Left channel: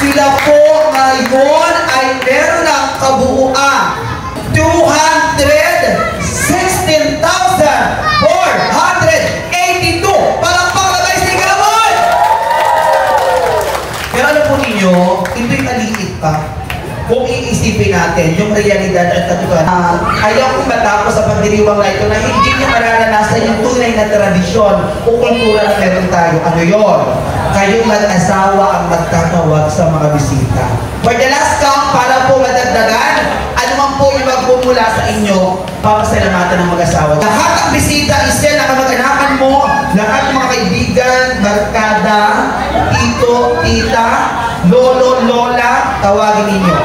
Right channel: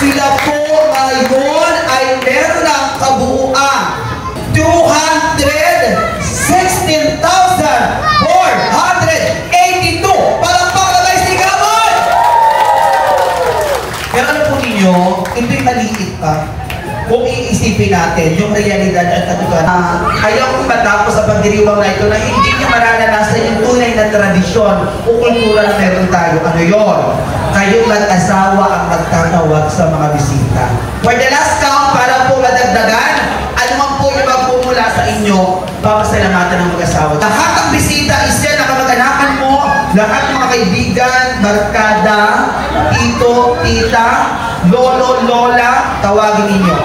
Sila po ngayon ay meron ng kabuuan 216,482. Palakpak na guys, sigawan! Pero alam po ninyo, ito'y maliit pa. Kung iisipin natin yung realidad at katutunan, ayaw kong matapos sa pagdiriwang na ito na hindi niya mararanasan yung tunay na tradisyon o kultura na meron tayo. Ano yun? Kayong mag-asawa ang magtatawag sa mga bisita. For the last count, para po madagdagan, ano man po yung magpumula sa inyo, papasalamatan ng mag-asawa. Lahat ng bisita, isya na kamag-anakan mo, lahat ng mga kaibigan, barkada, tito, tita, lolo, lola, tawagin ninyo.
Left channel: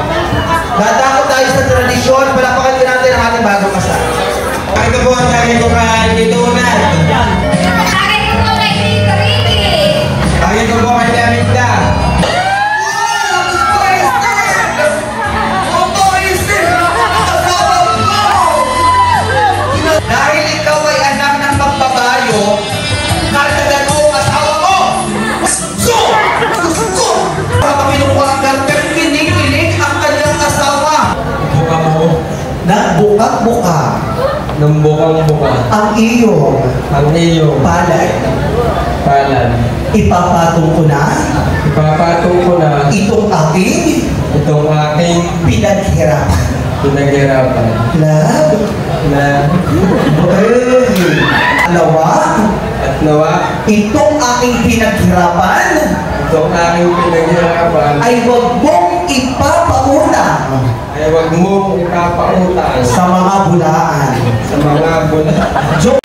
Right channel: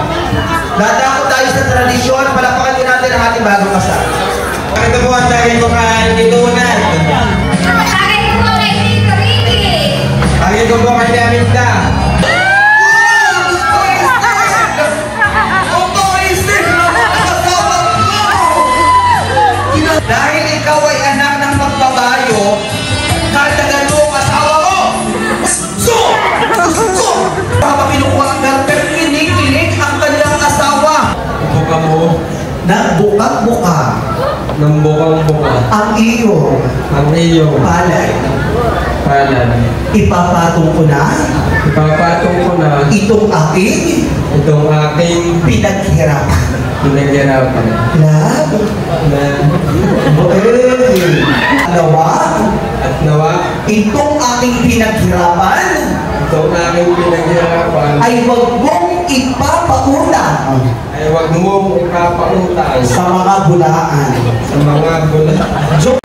Dadako tayo sa tradisyon, palakpakan din natin ang ating bagong kasal. Pakita po ang tayo ko kay Tito Unay. Pakita ko po kay Aminda. Dahil ikaw ay anak ng magbabayo, karagdagan mo ang asawa mo. Gusto! Gusto! Kapag kinukuha ang garper, kinikilig ang kanilang asawa. Buka mo. Nagbuka-buka. Nang bukang-buka. Ang iyong palay. Palan. Ipapatong ko na. Ipapatong ko na. Itong aking pinaghirapan. Pinaghirapan. Alawa. At nawa. Itong aking pinaghirapan. Itong aking pinaghirapan. Ay huwag mong ipapauna. Ay huwag mong ipapautang. Sa mga bulaan. Sa mga bulaan.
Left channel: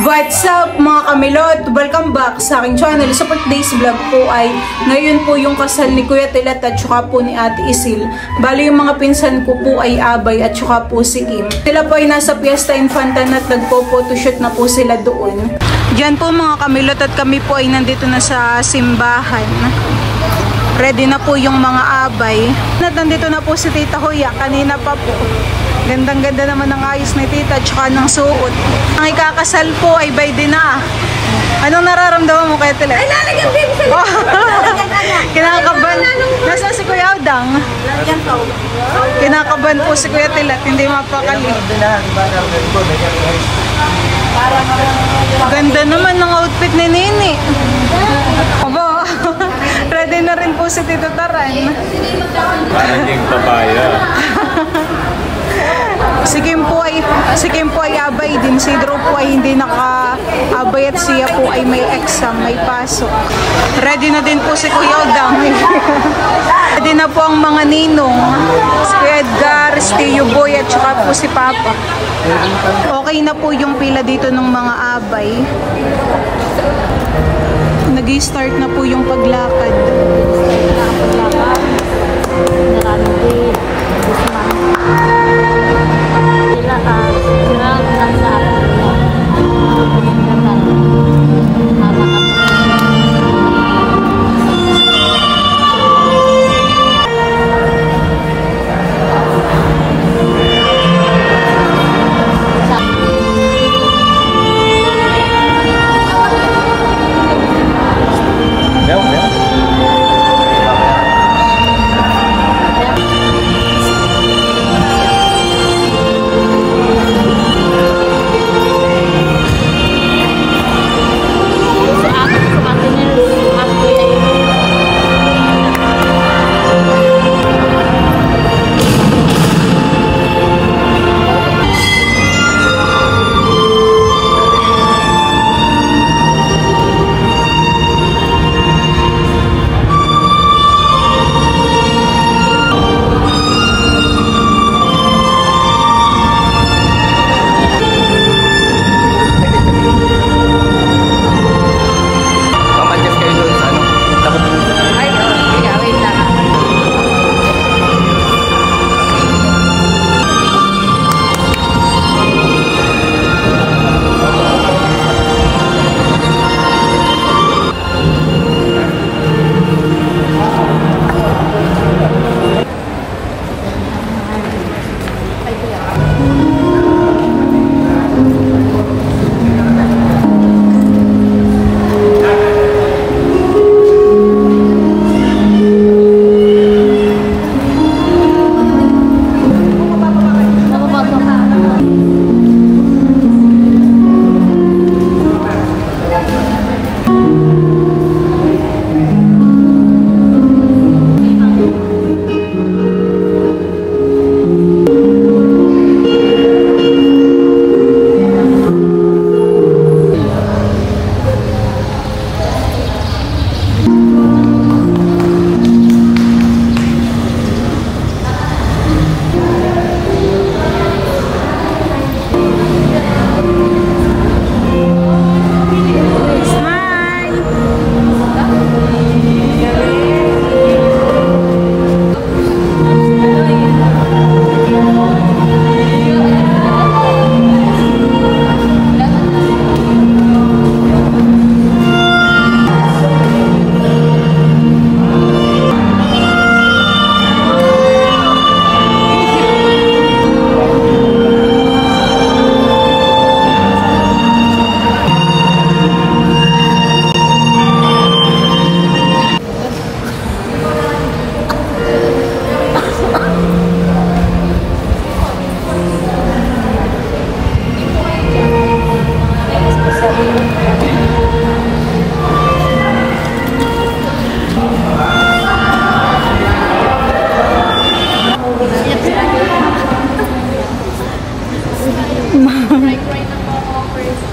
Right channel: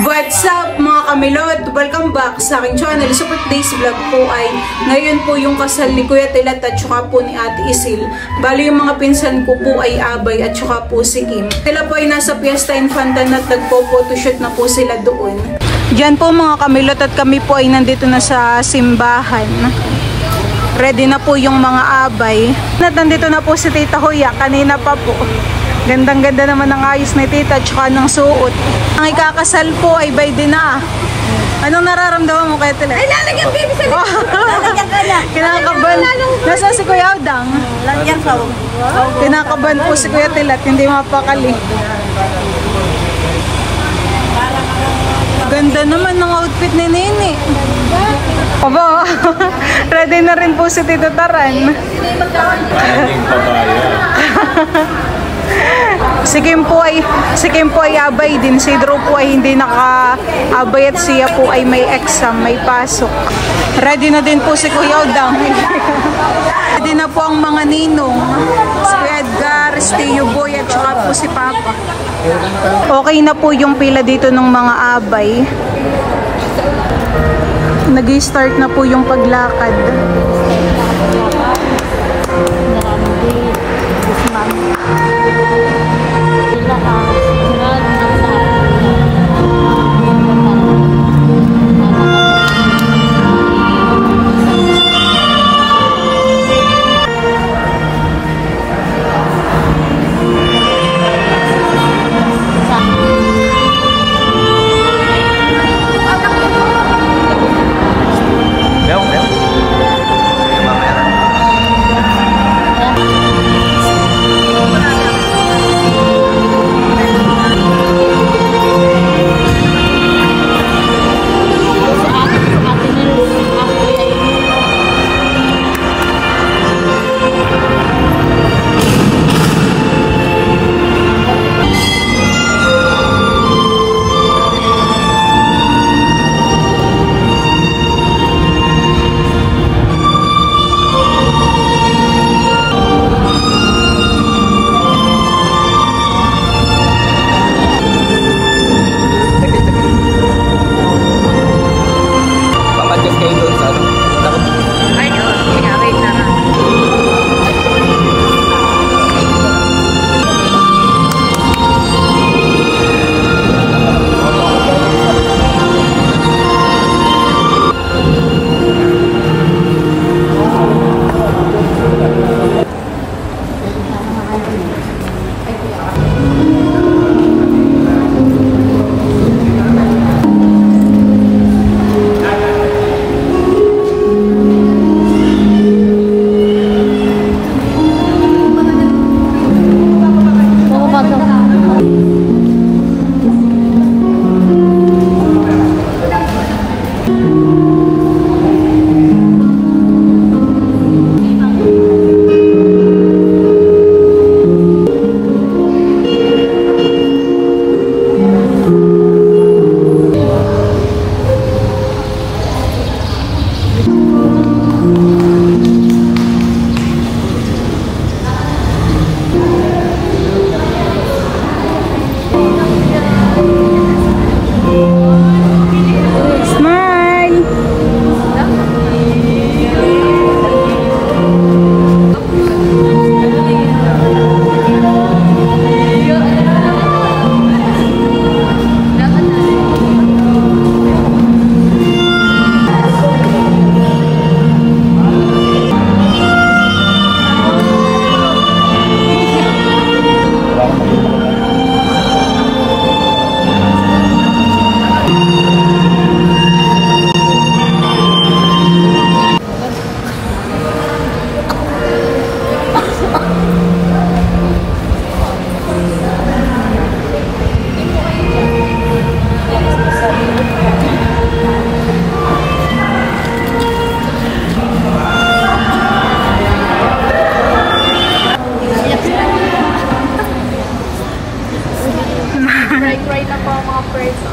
What's up mga kamilot? Welcome back sa aking channel. Sa today's vlog po ay ngayon po yung kasal ni Kuya Tilat at saka po ni Ate Isil. Bali yung mga pinsan ko po ay Abay at saka po si Kim. Sila po ay nasa Fiesta Infantan at nagpo-photoshoot na po sila doon. Diyan po mga kamilot at kami po ay nandito na sa simbahan. Ready na po yung mga Abay. At nandito na po si Tita Hoya. Kanina pa po. Gandang-ganda naman ng ayos ni Tita at saka ng suot. Ang ikakasal po ay by din na. Anong nararamdaman mo kay Tilat? Ay, lalagyan din! Kinakaban. Nasaan si Kuya Udang? Kinakaban po si Kuya Tilat. Hindi mapakali. Ganda naman ng outfit ni Nini. Aba, ready na rin po si Tito Taran. Parang papaya. Si Kim po ay abay din. Si Drew po ay hindi naka-abay at siya po ay may exam, may pasok. Ready na din po si Kuya Udang. Ready na po ang mga ninong. Si Kuya Edgar, si Tio Boy at saka po si Papa. Okay na po yung pila dito ng mga abay. Nag-start na po yung paglakad. Right na po mga first.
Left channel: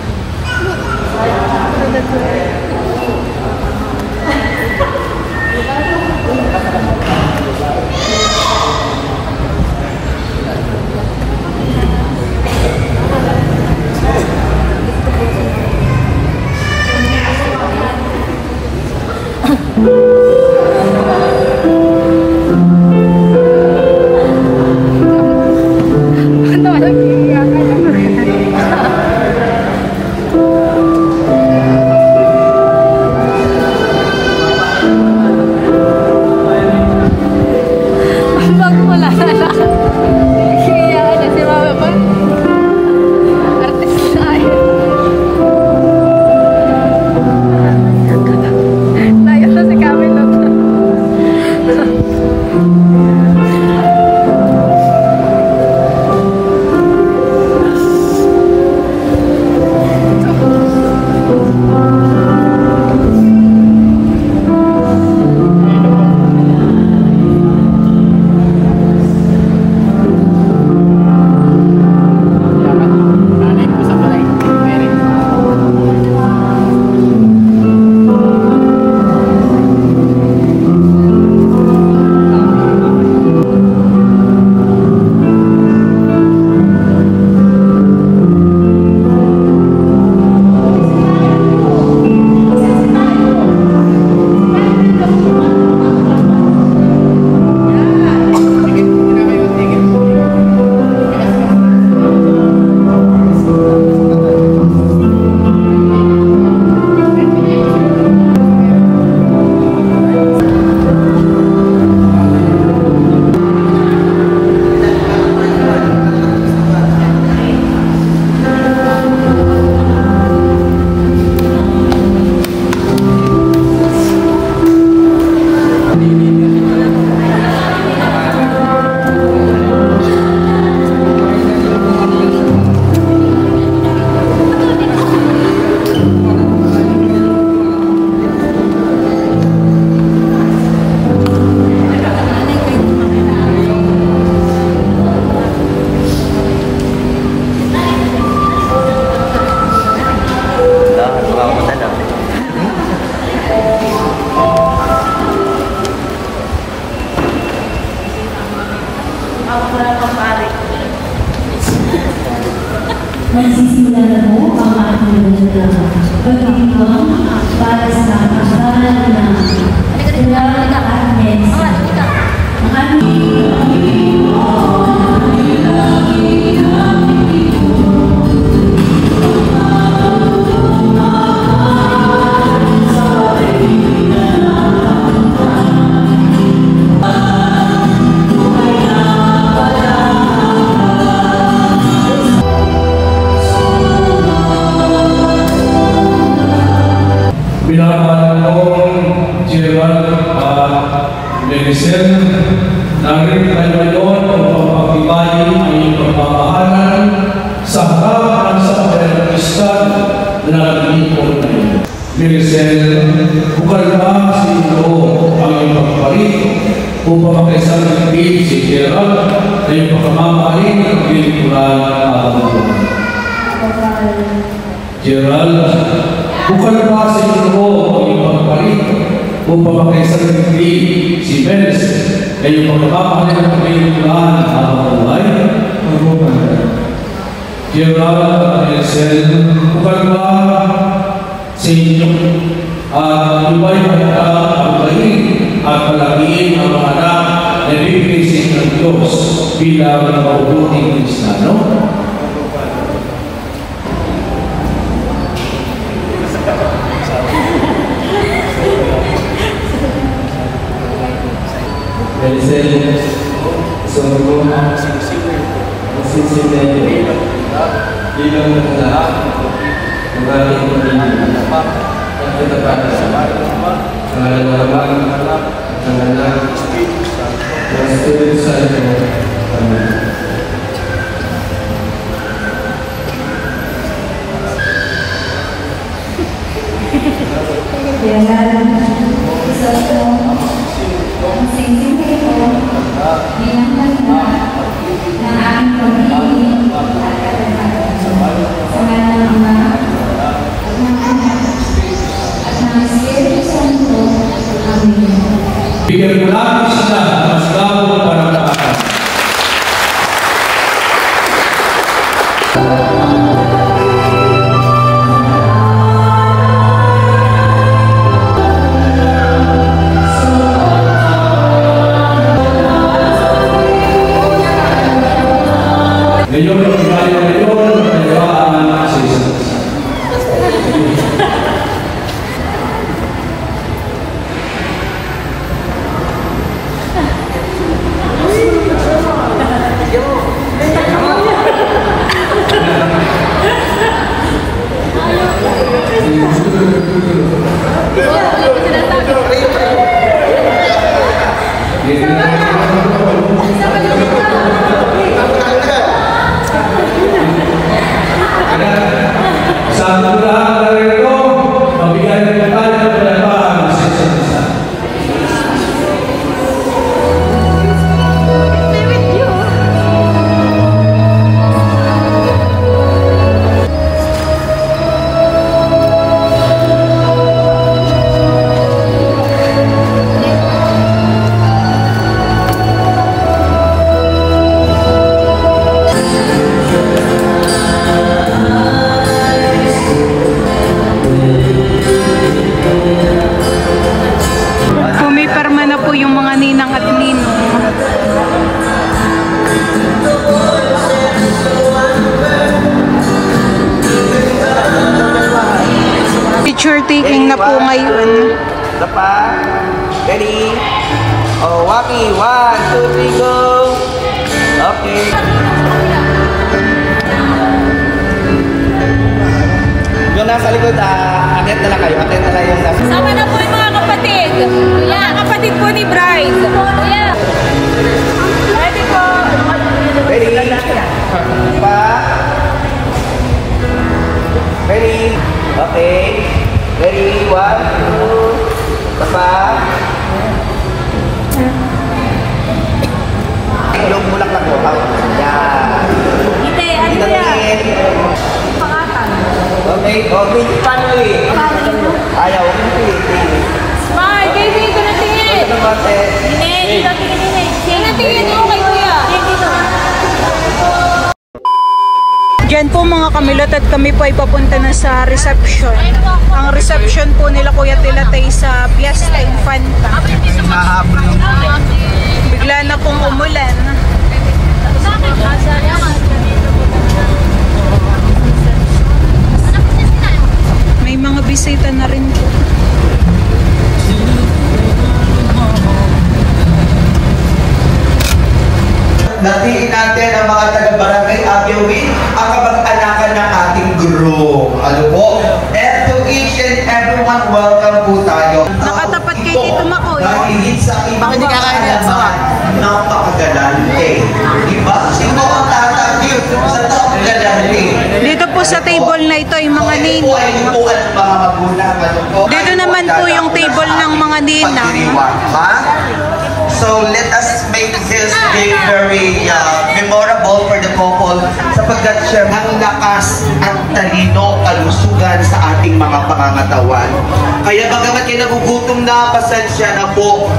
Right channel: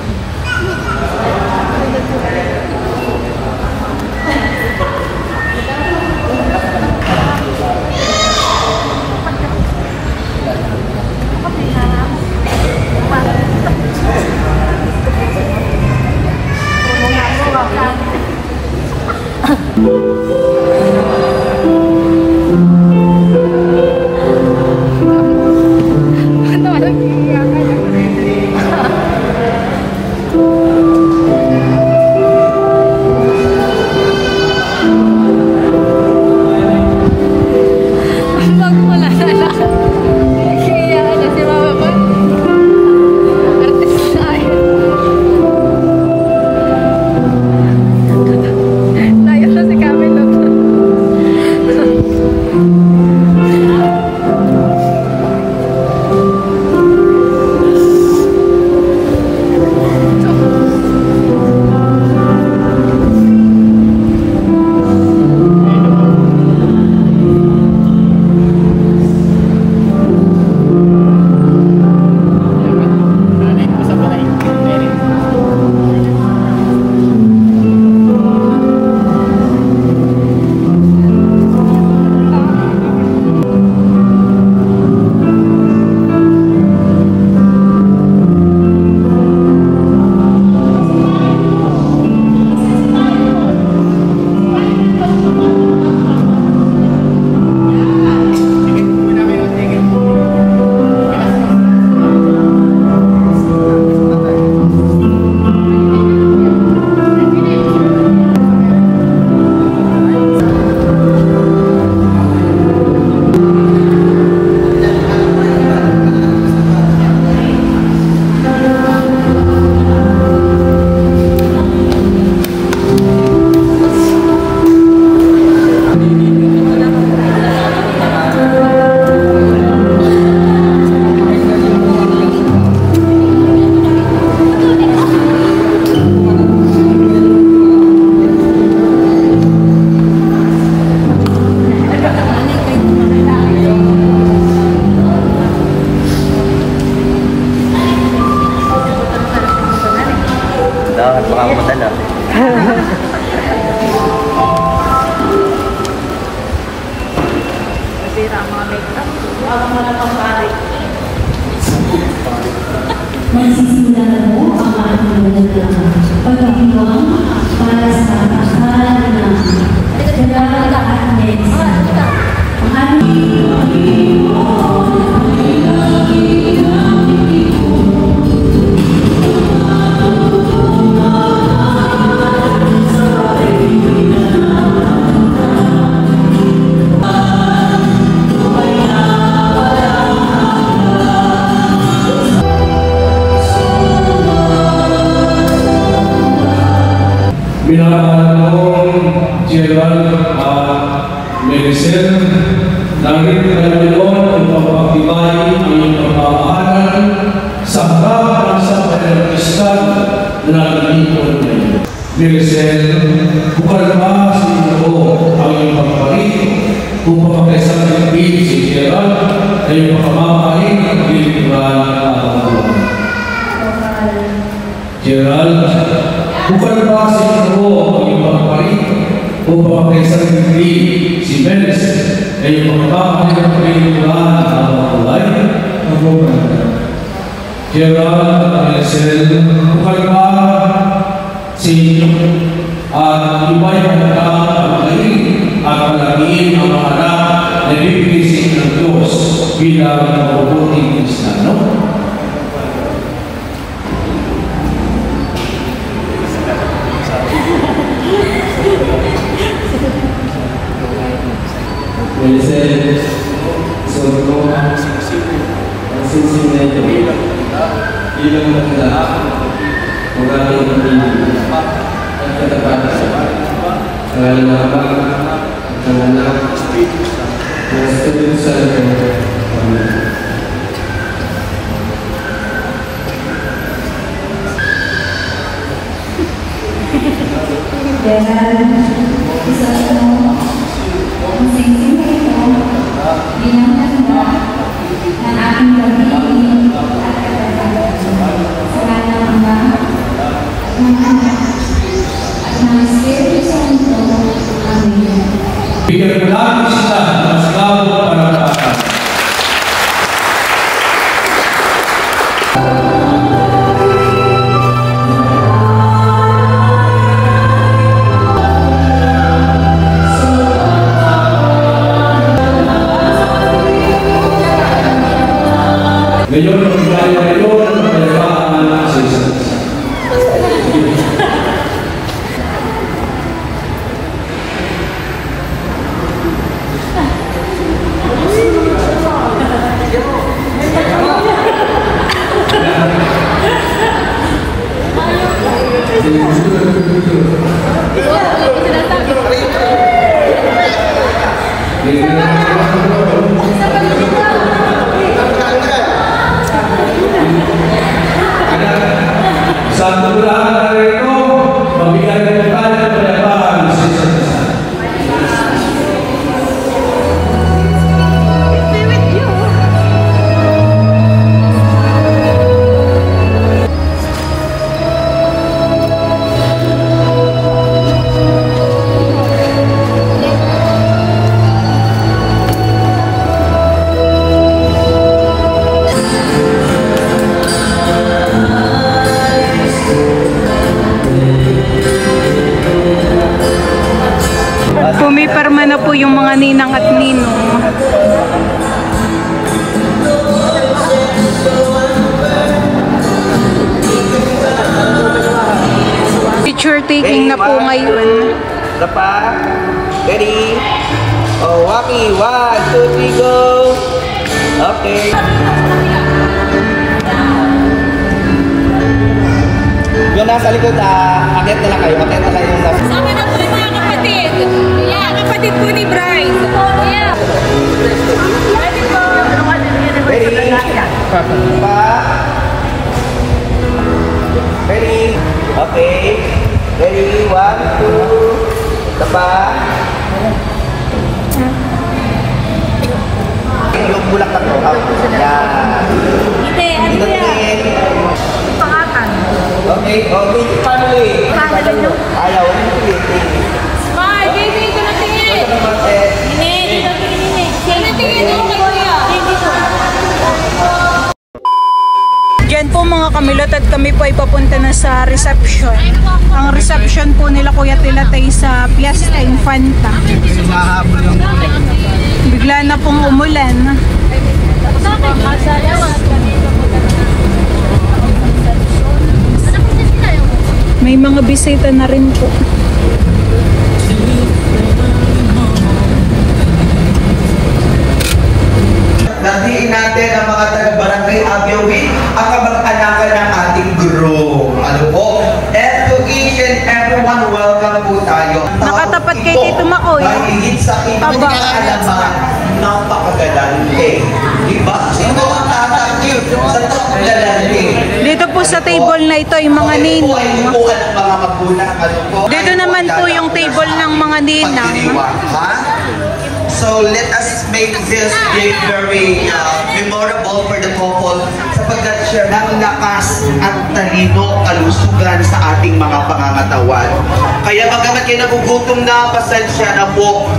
Magsisimula na mo ang ating nalaglaman. Pagkakibang para sa pagkakaan ng Kaya at Mensa. Ang aming Binabangon Gerald at Melisel, narin kayo ngayon upang pagtibay ang iyong pagmamahalan sa harap ng sambayanang Kristal na naglilingkod na iyo. Melisel, bukal ba sa iyo ang iyong pagpapalit upang makaisang nagpili si Gerald na iyong pagmamahalin at paglilingkuran at pagmamahalin. Gerald, bukal ba sa iyo ang iyong pagpapalit upang makaisang nagpili si Melis na iyong pagmamahalin at paglilingkuran at pagmamahalin? Gerald at Melisel, bukal ba sa inyo at iba'y pagkakapalit at palagiin ang mga anak na bibigising ng Diyos bilang mabubuting Kristiyano? Melisel, sumunod mo ang singsing na ito bilang lahat ng ating pamilya at katapat sa ang alaman ng anak ng Espiritu Santo. Amen. Jangan sesuatu ang singsing na ito bilang handa ng aming pamilya at katapat. Ngayon, ang gaya ngayon, magkayabaan sa isa't isa. Sa tulahan na rito, mabigyan na tayo ng pagkayabaan sa isa't isa. Pumipirma na po yung mga ninang at ninong. Picture taking na po ngayon. Dapa. Ready? Oh, Waki. 1, 2, 3, go. Okay. Yun nasa likod, atet na lang kayo. Atet na kayo. Sama na po yung mga kapatid. Yan, kapatid po ni Bride. Yan. Ready po. Ready? Pa. Ready? Okay. Ready? 1, 2. Pa. Yung bulak na po. Yan. Hindi, ano yan? Pangatan. Okay. Okay. Family. Family nyo? Ayaw. 1, 2, 3. Smile, baby, ito na tingin. Tingin, dito tingin. Tingin, tingin. Okay, kuya. Dito. Diyan po mga kamilot at kami po ay papunta na sa reception. Ang reception po nila Kuya Tilatay sa Fiesta Infanta. Bigla na pong umulan. May mga bisita na rin po. Natiin natin ang mga taga-barangay Agyawi, ang kabag-anakan ng ating group. Ano po? And to each and everyone, welcome po tayo. Nakatapat kay Tito Makoy. Mahigit sa ibang naman, napakagalante. Diba? Sino ang nakakagyo sa napakagalante? Dito po sa table na ito ay mga ninong. Dito naman po yung table ng mga ninang. So let us make this day very memorable for the couple sapagkat siya ng lakas at talino kalusugan sa ating mga pangangatawan. Kaya bagamat yan nagugutom na, pasensya na po.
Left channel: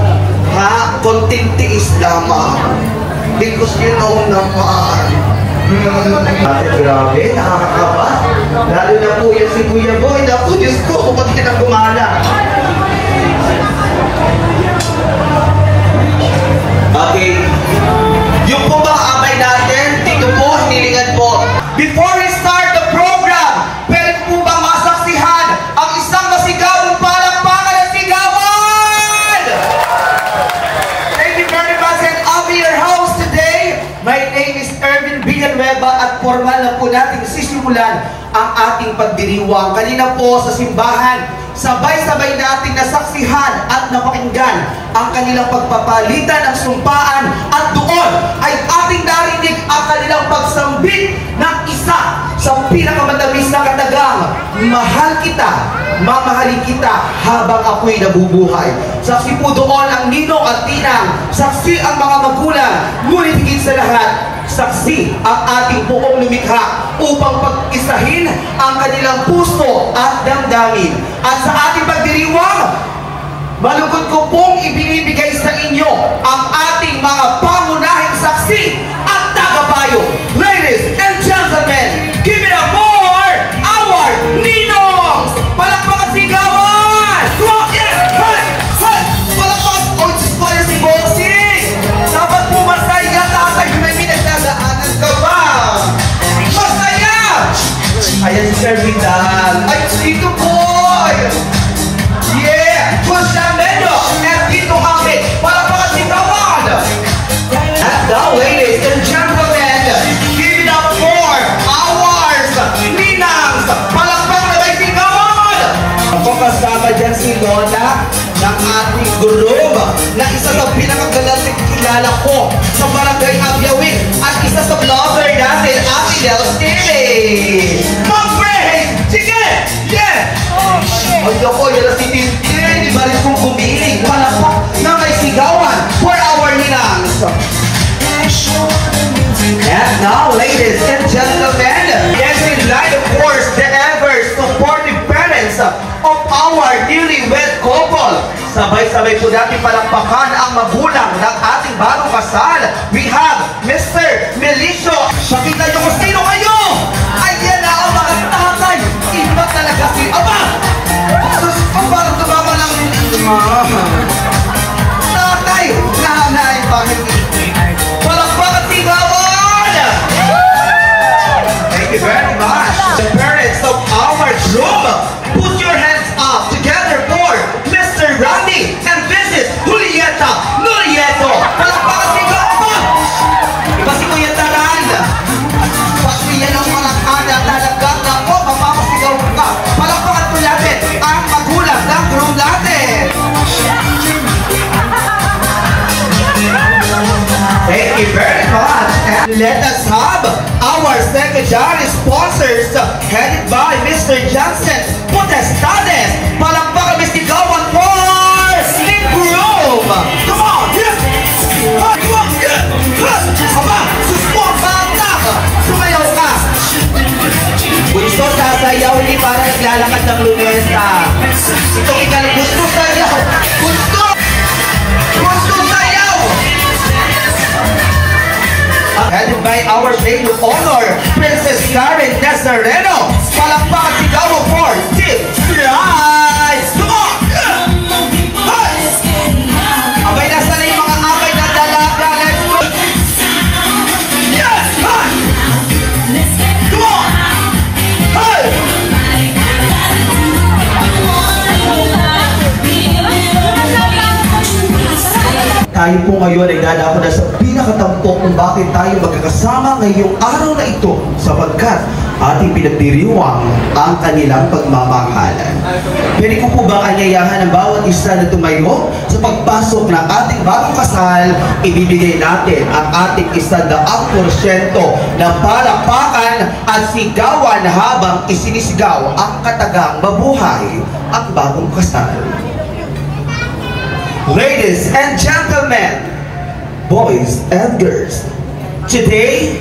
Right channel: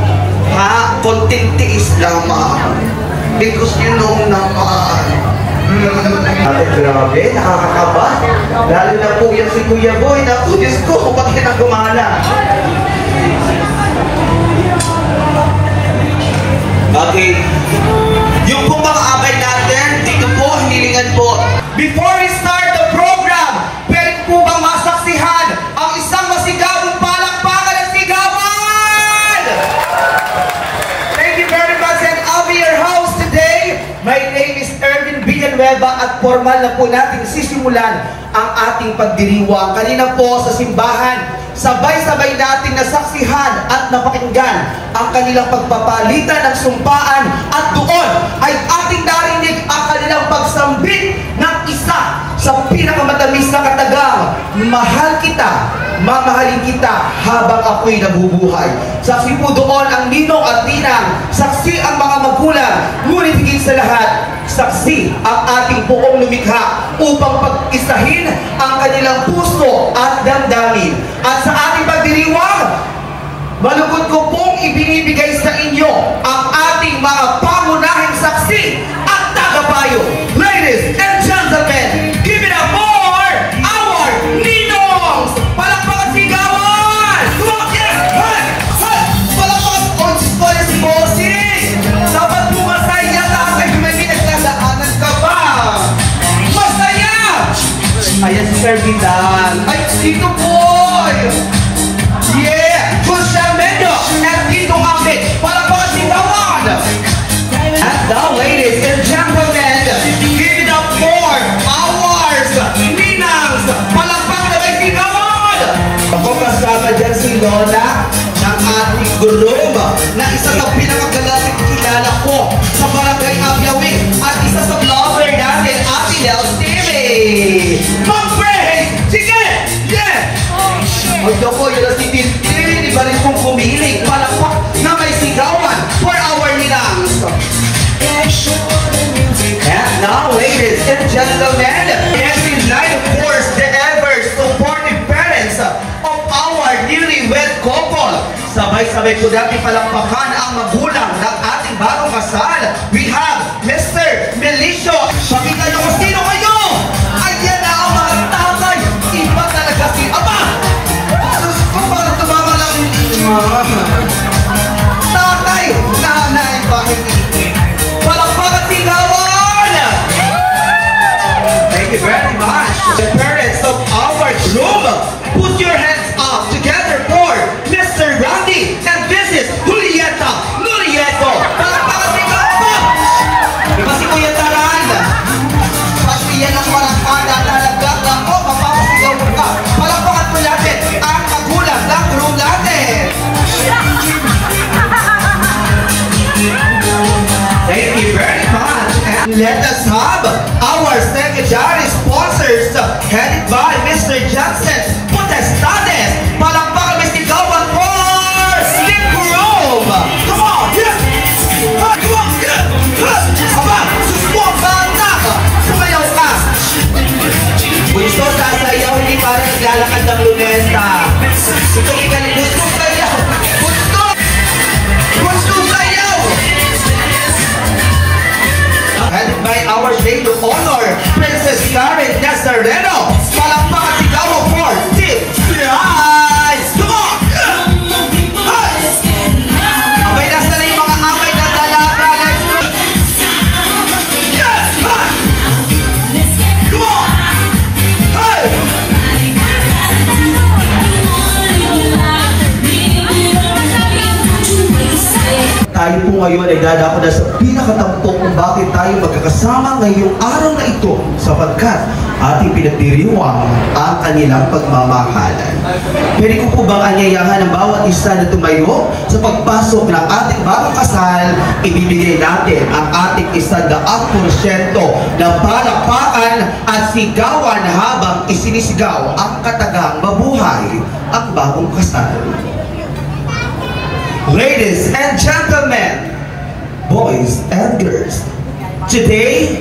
Ha? Konting tiis lamang. Because you know naman. Grabe, nakakakaba. Lalo na po yan si Kuya Boy. Naku, Diyos ko, ba't pinagumala? Okay. Yung po mga abay natin, dito po, hinilingan po. Before we start the program, pwede po bang masaksihan ang isang masigawang palakpakan at sigawan? Thank you very much and I'll be your host today. My name is Erwin Villanueva at formal na po natin sisimulan ang ating pagdiriwang. Kanina po sa simbahan, sabay-sabay natin nasaksihan at napakinggan ang kanilang pagpapalitan ng sumpaan at doon ay ating narinig ang kanilang pagsambit ng isa sa pinakamatamis na katagang, mahal kita, mamahalin kita habang ako'y nabubuhay. Saksi po doon ang ninong at ninang, saksi ang mga magulang, ngunit higit sa lahat, saksi ang ating buong lumikha upang pag-isahin ang kanilang puso at damdamin. At sa ating pagdiriwang, malugod ko pong ibinibigay sa inyo ang ating mga pangunahing saksi at tagapayo. Ladies and gentlemen, couple. Sabay-sabay po natin palakpakan ang magulang ng ating bagong kasal. We have Mr. Melicio. Pakita niyo kung sino kayo! Ayan na ang mga tatay! Iba talaga si Aba! Parang tumama lang. Tatay! Nanay! Bakit? Palakpakan si Gabon! Thank you very much. The parents of our groom, put your hands up together for Mr. Randy and Mrs. Julieta Nurieto. Palakpakan si Gabon! Diba si Kuya Taran? Pati yan ang palakpada talagang ako, mapapasigaw ka. Palakpakan po natin ang magulang ng groom natin. Thank you very much. And let us have our secondary sponsors headed by Mr. Johnson Potestades. Palakpakan Mr. Gawan for the groom. Come on, yeah. Come on, yeah. Aba, susuportahan na. Sumayaw ka. Gusto sasayaw, hindi para naglalakad ng lunesta. Ito ikaw na gusto sayaw. Gusto sayaw. Headed by our maid of honor, Princess Karen Nazareno. Palakpakan si Gabo for Tip Prize. Come on! Hey! Abay, nasa na yung mga amay na dalaga. Let's go! Yes! Hey! Come on! Hey! Tayo po ngayon ay dadako na sa pinakatampok kung bakit tayo magkakasama ngayong araw na ito sapagkat ating pinagdiriwang ang kanilang pagmamahalan. Pwede ko po bang anyayahan ang bawat isa na tumayo sa pagpasok ng ating bagong kasal, ibibigay natin ang ating 100% ng palakpakan at sigawan habang isinisigaw ang katagang mabuhay at bagong kasal. Ladies and gentlemen, boys and girls, today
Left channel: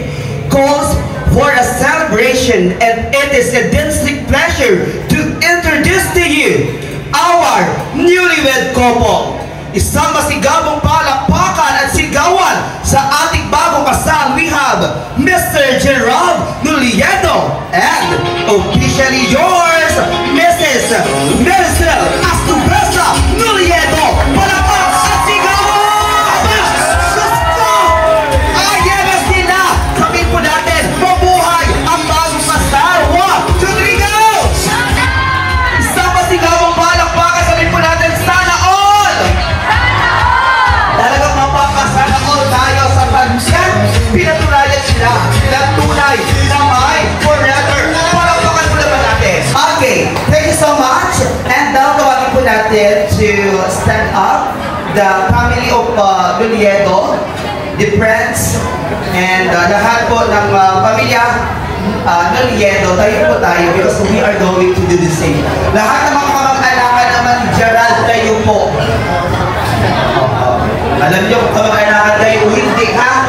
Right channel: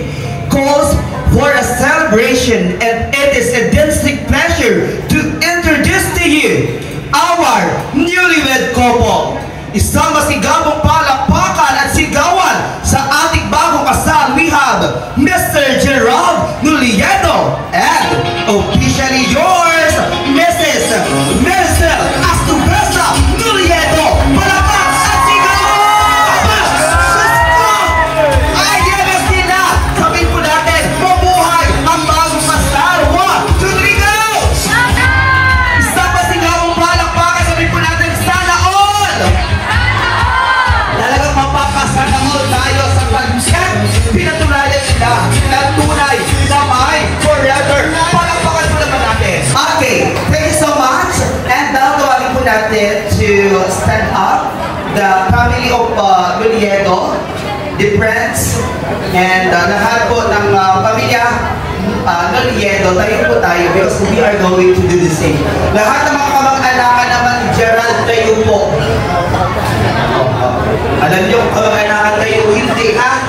calls for a celebration and it is a distinct pleasure to introduce to you our newlywed couple. Isang masigabong palakpakan at sigawan sa ating bagong kasal. We have Mr. Gerald Nurieto and officially yours, Mrs. Maricel Astubesa Nurieto. Palakpak at sigawan! Ayan na sila! Sabihin po natin, mabuhay ang bagong kasal. 1, 2, 3, go! Isang masigabong palakpakan. Sabihin po natin, sana all! Talagang mapapasana all tayo sa kanyan. Pinatunayan sila ng tunay na may forever. Palakpakan po naman natin. Okay, thank you so much. And tawagin po natin to stand up the family of Nurieto, the friends, and lahat po ng pamilya Nurieto. Tayo po tayo because we are going to do the same. Lahat ng mga kamag-anakan naman, Gerald, tayo po. Alam niyo, kamag-anakan kayo, hindi ha?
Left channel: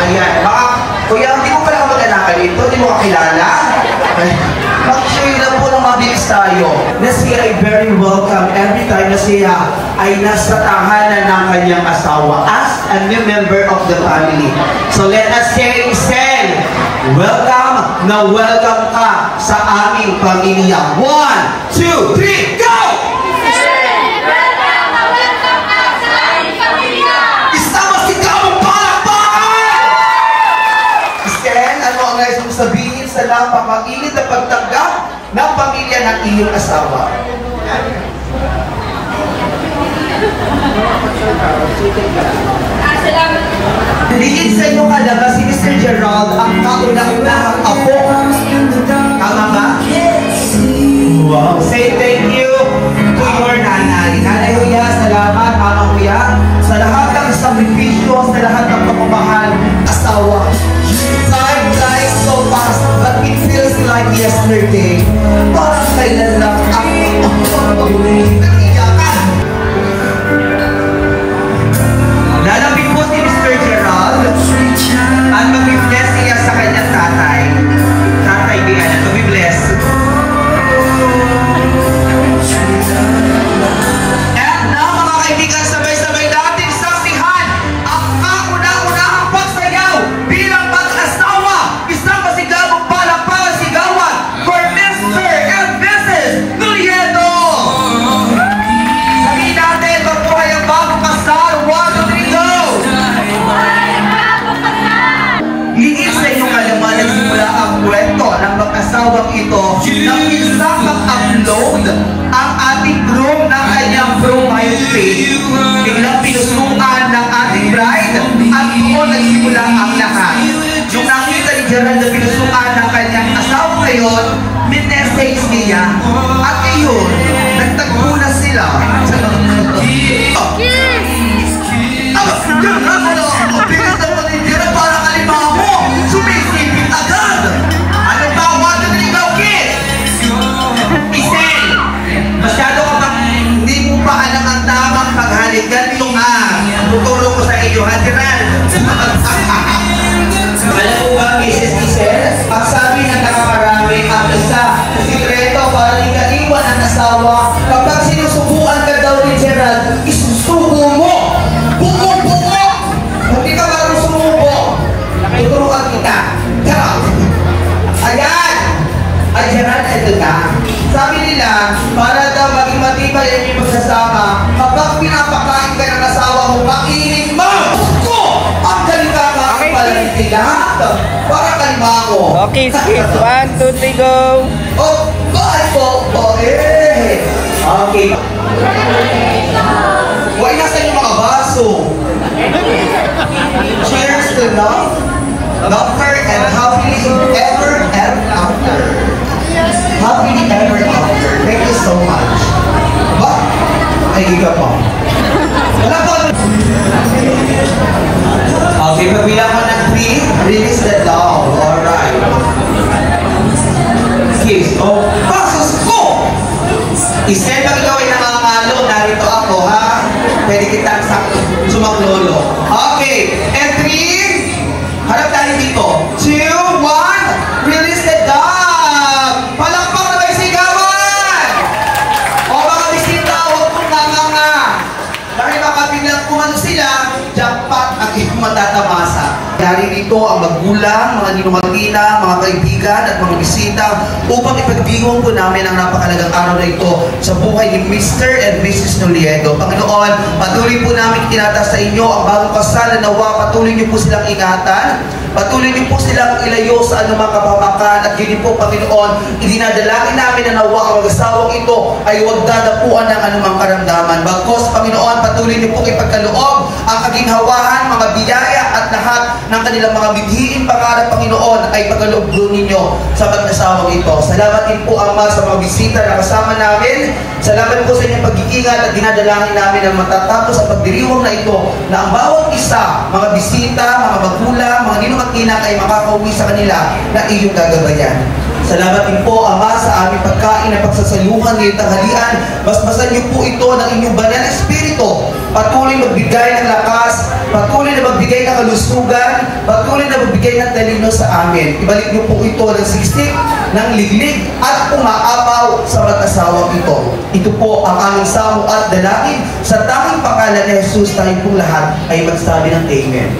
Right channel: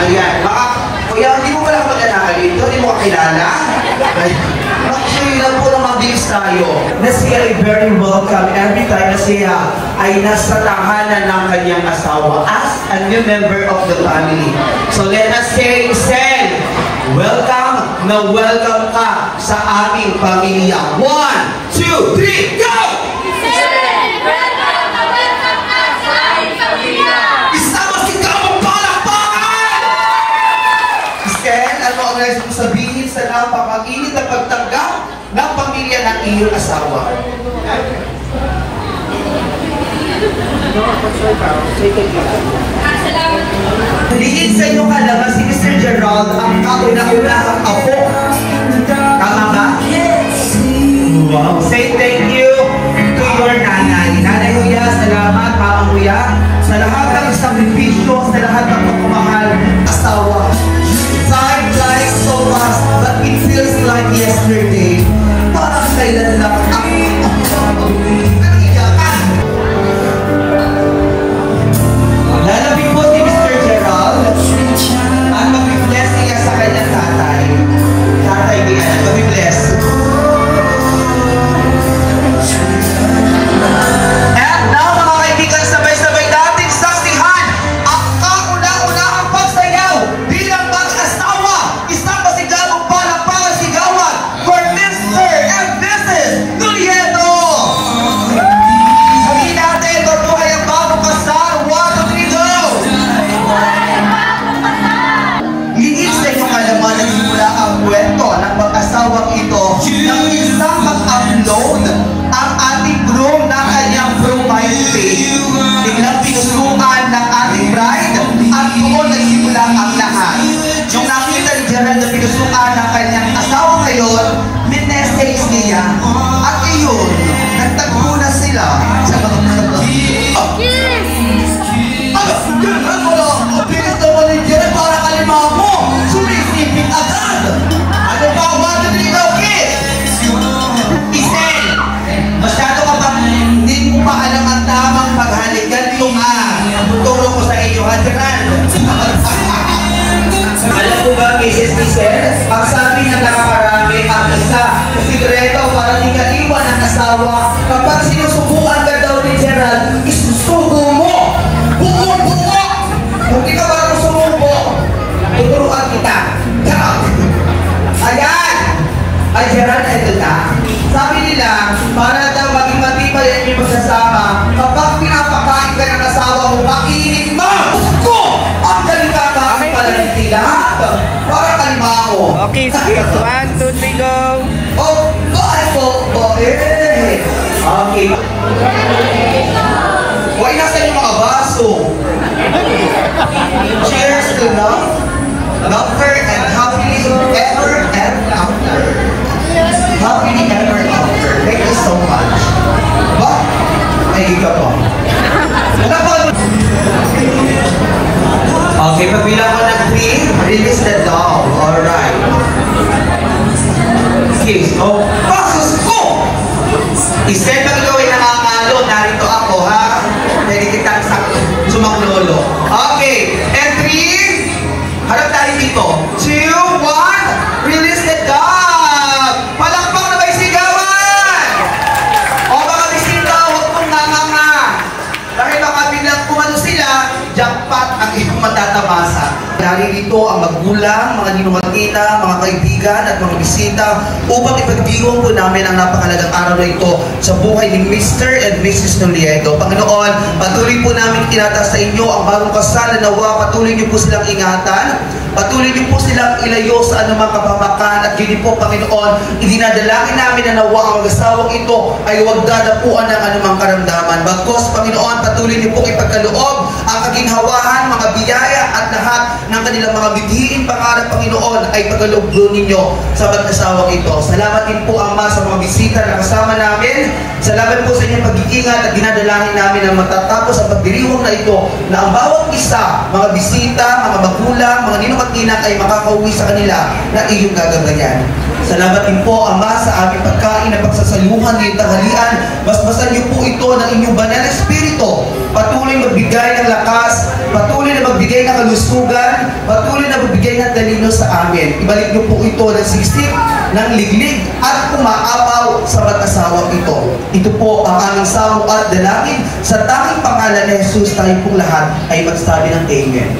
Ayan, baka, kuya, hindi mo pala kamag-anakan dito, hindi mo kakilala. Mag-show lang po ng mabilis tayo. Na siya ay very welcome every time na siya ay nasa tahanan ng kanyang asawa as a new member of the family. So let us say, welcome na welcome ka sa aming pamilya. 1, 2, 3, go! Nais mong sabihin sa napakainit na pagtanggap ng pamilya ng iyong asawa. Hilihin sa iyong alam si Mr. Gerald ang kauna-unahang apo. Tama ba? Wow! Say thank you to your nanay. Nanay Huya, salamat. Mama Huya, sa lahat ng sakripisyo, sa lahat ng pagmamahal, asawa. Time flies so fast, but it feels like yesterday. Parang kailan lang ang lalapit po si Mr. Gerald at mag-bless niya sa kanyang tatay. Ay, Gerald, ito na. Sabi nila, para daw maging matibay ang iyong pagsasama, kapag pinapakain ka ng asawa mo, kainin mo! Ko! Ang kalikakain pala ng lahat. Para kalima mo. Okay, skip. 1, 2, 3, go! Oh, bye po! Oh, eh! Okay. Why nasa yung mga baso? Cheers to love, laughter, and happily ever after. Happily ever after. Thank you so much. What? Ay, ikaw po. Wala po. Okay, pagbilang ko ng 3, release the dog. Alright. Excuse. Oh, basos ko! Isip ang ikaw ay nakakalo. Narito ako, ha? Pwede kitang sumaklolo. Okay, and 3, harap tayo dito. 2, 1, release the dog! Palakpak na may sigawan! O mga bisita, huwag kong nga. Dahil makabilang kumano sila, jackpot ang iyong matatamasa. Narito ang magulang, mga ninumatina, mga kaibigan at mga bisita upang ipagdiwang po namin ang napakalagang araw na ito sa buhay ni Mr. and Mrs. Noliego. Panginoon, patuloy po namin tinataas sa inyo ang bagong kasal na nawa, patuloy niyo po silang ingatan, patuloy niyo po silang ilayo sa anumang kapamakan at yun po, Panginoon, idinadalangin namin na nawa ang mag-asawang ito ay huwag dadapuan ng anumang karamdaman. Bagkos, Panginoon, patuloy niyo po ipagkaloob ang kaginhawahan, mga biyaya at lahat ng kanilang mga bidhiin pangarap, Panginoon, ay pagkaloob ninyo sa mag-asawang ito. Salamat din po, Ama, sa mga bisita na kasama namin. Salamat po sa inyong pag-iingat at dinadalangin namin na matatapos ang pagdiriwang na ito na ang bawat isa, mga bisita, mga magulang, mga ninumakinak ay makakauwi sa kanila na iyong gagabayan. Salamat din po, Ama, sa aming pagkain na pagsasaluhan ngayong tanghalian. Basbasan niyo po ito ng inyong banal na espiritu. Patuloy magbigay ng lakas, patuloy na magbigay ng kalusugan, patuloy na magbigay ng talino sa amin. Ibalik niyo po ito ng siksik, ng liglig at umaapaw sa mag-asawang ito. Ito po ang aming samo at dalangin sa tanging pangalan ni Jesus. Tayo pong lahat ay magsabi ng Amen.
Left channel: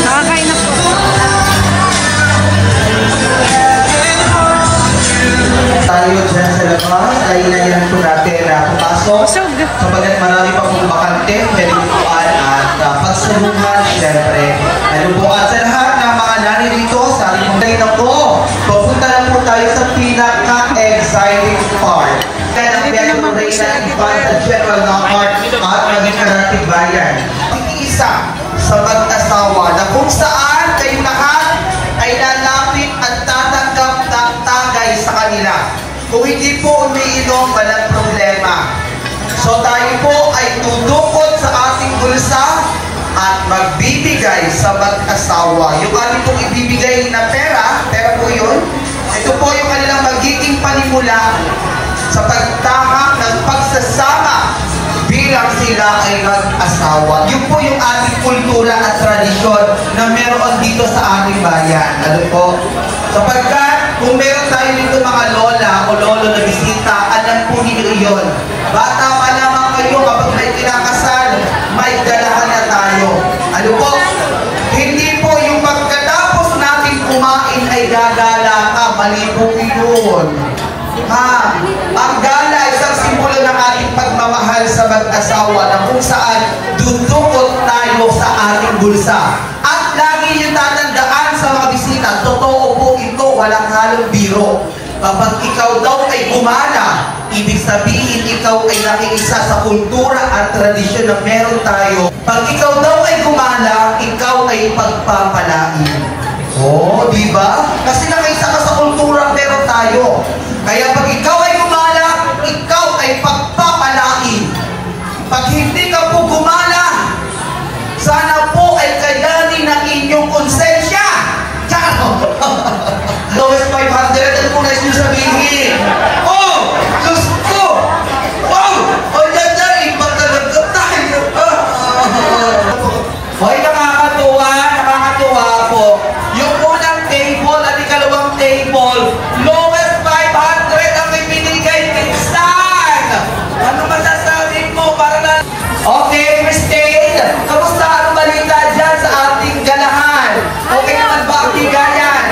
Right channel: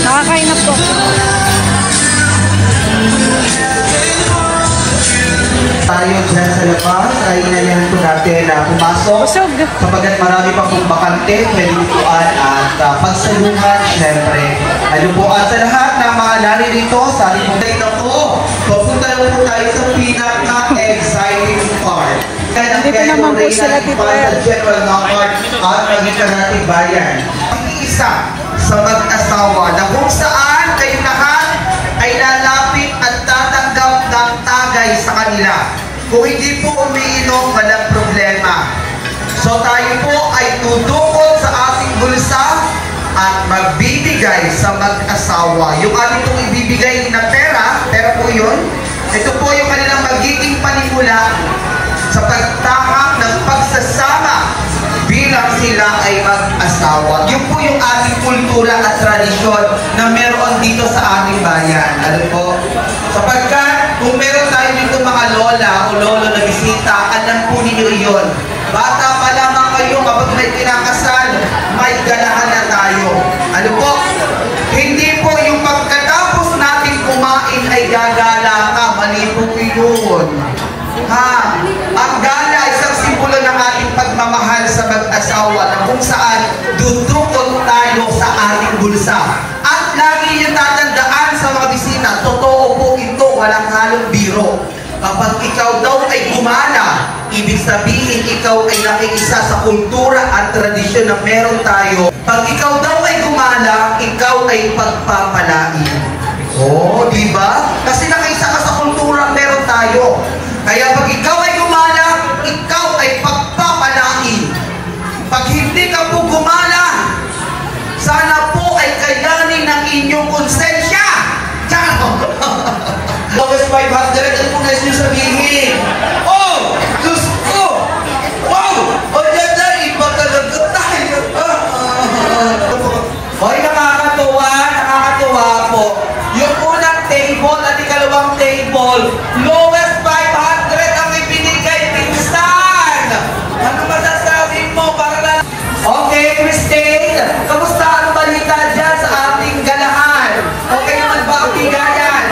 Nakakain na po. Tayo dyan sa labas, ay nangyari po natin na pumasok. Busog. Kapagkat marami pa pong bakante, pwedeng at pagsulungan, syempre. Ano po sa lahat ng mga nanay dito, sa ating dito po, pupunta na po tayo sa pinaka-exciting part. Kaya dito naman po sila dito. Sa General Knockout at maging karating bayan. Ang isa sa mag-asawa na kung saan kayo lahat ay lalapit at tatanggap ng tagay sa kanila. Kung hindi po umiinom, walang problema. So tayo po ay tudukot sa ating bulsa at magbibigay sa mag-asawa. Yung ating pong ibibigay na pera po yun, ito po yung kanilang magiging panimula sa pagtahak ng pagsasama bilang sila ay mag-asawa. Yun po yung ating kultura at tradisyon na meron dito sa ating bayan. Ano po? Sapagkat kung meron tayo dito mga lola o lolo na bisita, alam po ninyo iyon. Bata pa lamang kayo kapag may kinakasal, may dalahan na tayo. Ano po? Hindi po yung pagkatapos natin kumain ay gagala ka. Mali po yun. Ha? Ang gala ay isang simbolo ng ating pagmamahal sa mag-asawa na kung saan dudukot tayo sa ating bulsa. At lagi yung tatandaan sa mga bisita, totoo po ito, walang halong biro. Kapag ikaw daw ay gumana, ibig sabihin ikaw ay nakiisa sa kultura at tradisyon na meron tayo. Pag ikaw daw ay gumana, ikaw ay pagpapalain. Oh, di ba? Kasi nakiisa ka sa kultura na meron tayo. Kaya pag ikaw ay gumana, ikaw ay pagpapalain. Pag hindi ka po gumana, sana po ay kailanin ng inyong konsensya. Ciao! Lowest 500, ano po nais nyo sabihin? Oh! Diyos ko! Wow! Ang ganda! Iba talaga tayo! Hoy, nakakatuwa po. Yung unang table at ikalawang table, lowest 500 ang ibinigay pinsan! Ano masasabi mo para na... Okay, Christine! Kamusta ang balita dyan sa ating galahan? Okay naman ba ang bigayan?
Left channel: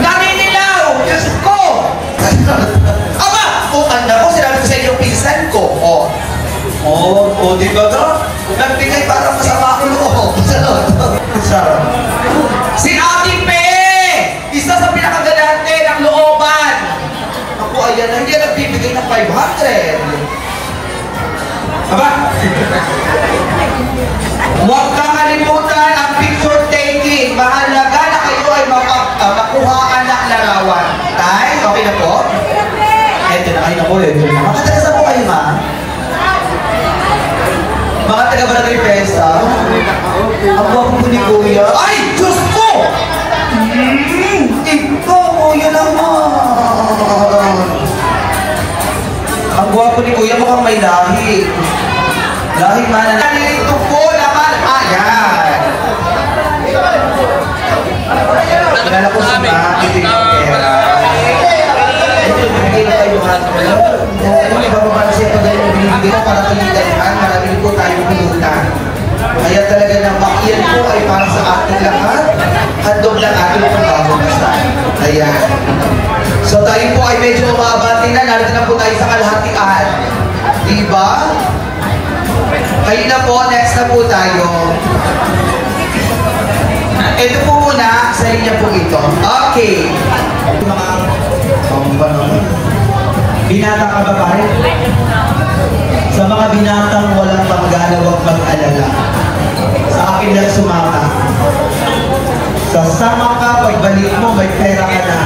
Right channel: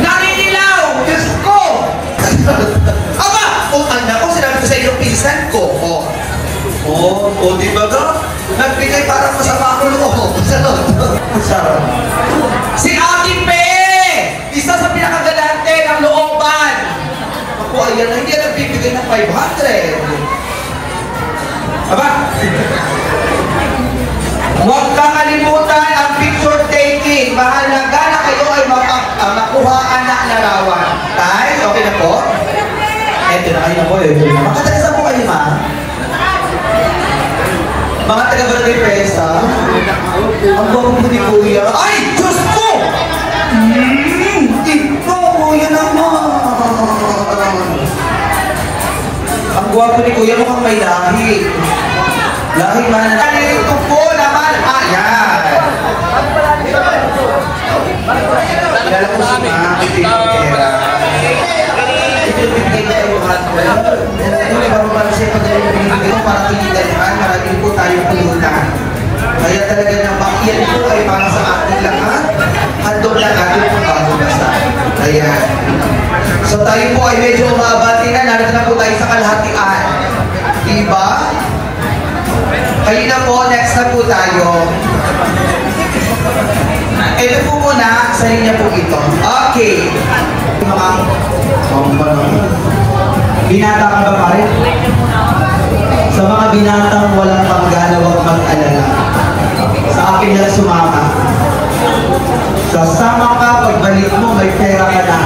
Naninilaw! Diyos ko! Aba! Anak ko, sinabi ko sa iyo pinsan ko. Di ba ka? Nagbigay para masama ako loob. Si Ate Pe! Isa sa pinakagalante ng looban. Ako, ayan na, hindi nagbibigay ng 500. Aba! Huwag kang kalimutan ang picture taking. Mahalaga na kayo ay makuhaan ng larawan. Tay, okay na po? Eto na, ayun na po. Makatalas na po kayo, ma? Mga taga-barangay Pesa. Ang buwag po ni Kuya. Ay! Diyos ko! Ito, Kuya naman. Ang buwag po ni Kuya mukhang may lahi. Lahi man na. Ito po naman. Ayan. Kaya po si mga titigera. Ito yung pagkita yung mga ano yung bababa siya pag yung binibigyan na para pilitan. Marami po tayong pulutan. Kaya talaga na bakiyan po ay para sa ating lahat. Handog lang ating pagkakabasa. Ayan. So tayo po ay medyo umabati na. Narito na po tayo sa kalahatian. Diba? Kayo na po, next na po tayo. Ito po muna, sa linya po ito. Okay. Binata ka ba pare? Sa mga binatang walang panggana, huwag mag-alala. Sa akin lang sumama. Sasama ka, pagbalik mo, may pera ka na.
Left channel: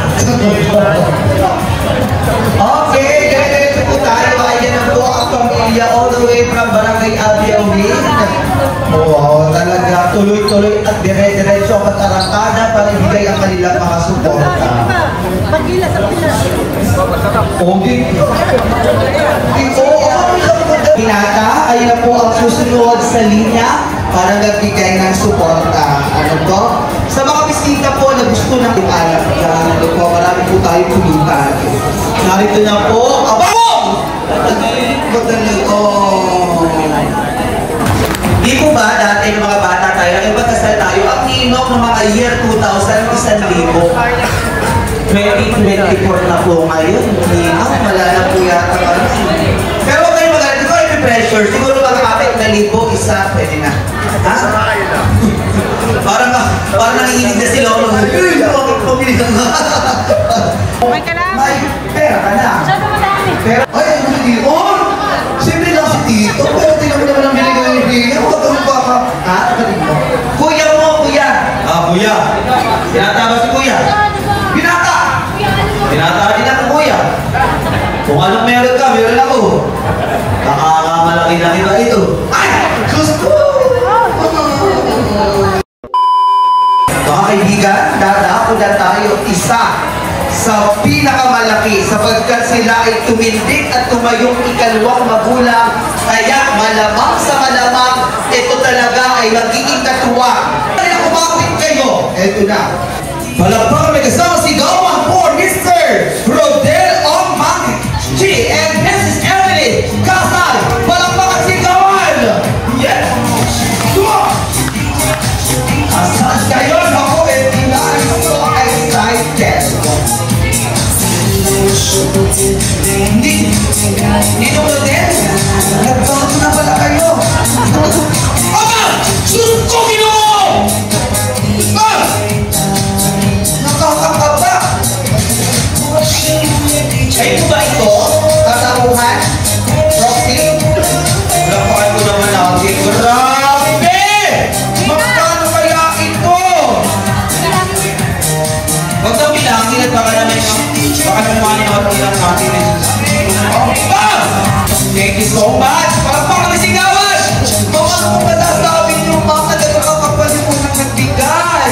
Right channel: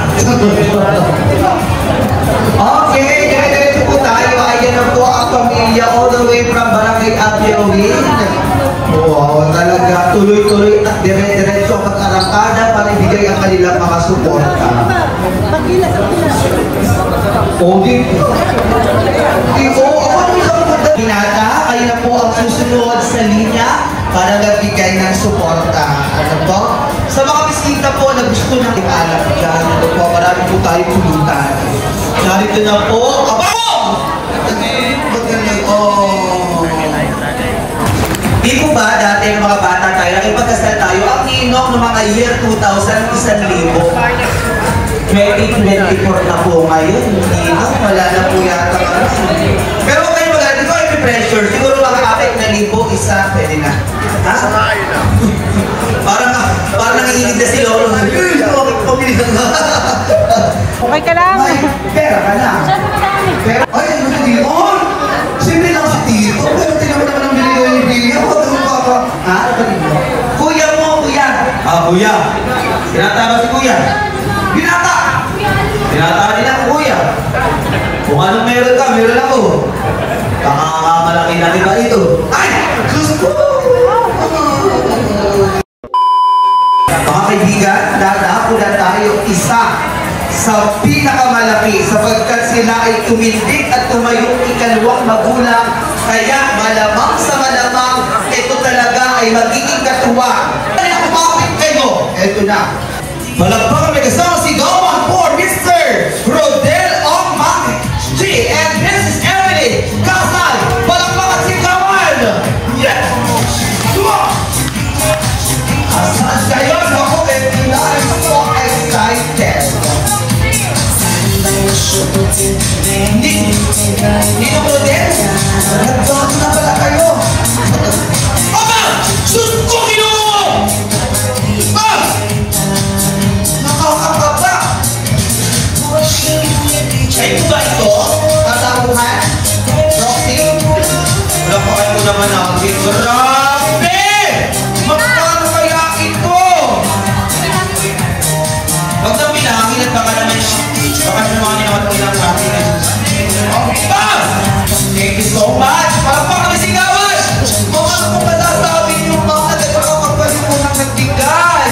Okay, ganito po tayo. Ayan na po ang pamilya all the way from Barangay Abiawin. Wow, talaga tuloy-tuloy at dire-diretso ang arangkada para ibigay ang kanilang mga suporta. Okay. Binata, kayo na po ang susunod sa linya para nagbigay ng suporta. Ano po? Sa mga bisita po na gusto ng alam dyan, ano po, marami po tayo pulutan. Narito na po, abang! Di po ba dati yung mga bata tayo, nagpagkasal tayo, ang inom ng mga year 2000, 1,000. 2024 na po ngayon, wala na po yata kami. Pero kayo magalit, ito ay pressure. Siguro makakapit na libo, isa, pwede na. Ha? Parang nanginginig na si Lolo. Okay ka lang. Pera ka na. Saan mo madami? Ay, ano yun? Siyempre lang si Tito. Pero tingnan mo naman ang binigay yung bilya. Huwag ka magpapa. Ha? Kuya mo, kuya. Kuya. Pinataba si kuya. Binata! Binata din ako, kuya. Kung anong meron ka, meron ako. Nakakamalaki na iba ito. Ay! Diyos ko! Mga kaibigan, dadako na tayo isa sa pinakamalaki sapagkat sila ay tumindig at tumayong ikalawang magulang. Kaya malamang sa malamang, ito talaga ay magiging katuwa. Kaya kumapit kayo. Ito na. Palagpakan may kasama si Gawan for Mr. Rodel Omang G and Mrs. Emily Kasal. Palagpakan si Gawan. Yes! Come on! Asan kayo? Ako, hindi so excited. Hindi na mo din? Nagbago na pala kayo. Aba! Susunod ko! Nakakakata! Kayo ba ito? Tataruhan? Roxy? Lapakan ko naman natin. Grabe! Magkano kaya ito? Huwag daw bilangin at baka naman yung bilang natin. Thank you so much! Parang kami sigawan! Mga kung matatapin yung mga nagkakapagpalit mo ng nagbigay.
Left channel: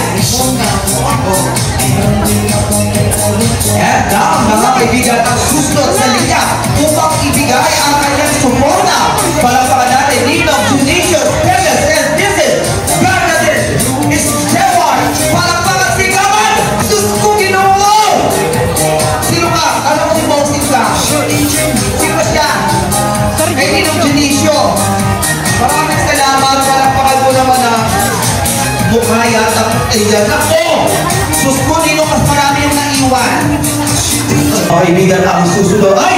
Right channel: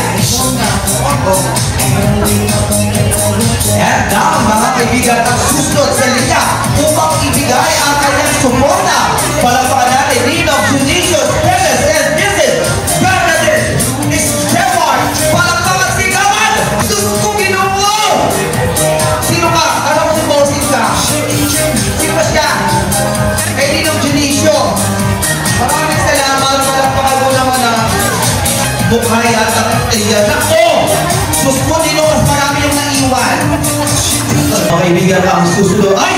And now, mga kaibigan, ang susunod sa linya upang ibigay ang kanyang suporta. Palakpakan natin dito, Judicious, Dennis, and Mrs. Bernadette is Jewar. Palakpakan sigawan! Sus ko Ginoo! Sino ka? Anong kumbosin ka? Sino siya? Ay Ninong Judicious. Maraming salamat. Palakpakan ko naman na bukhaya at ayan ako. Sus ko Ninong, mas marami yung naiwan. Mga kaibigan, ang susunod ay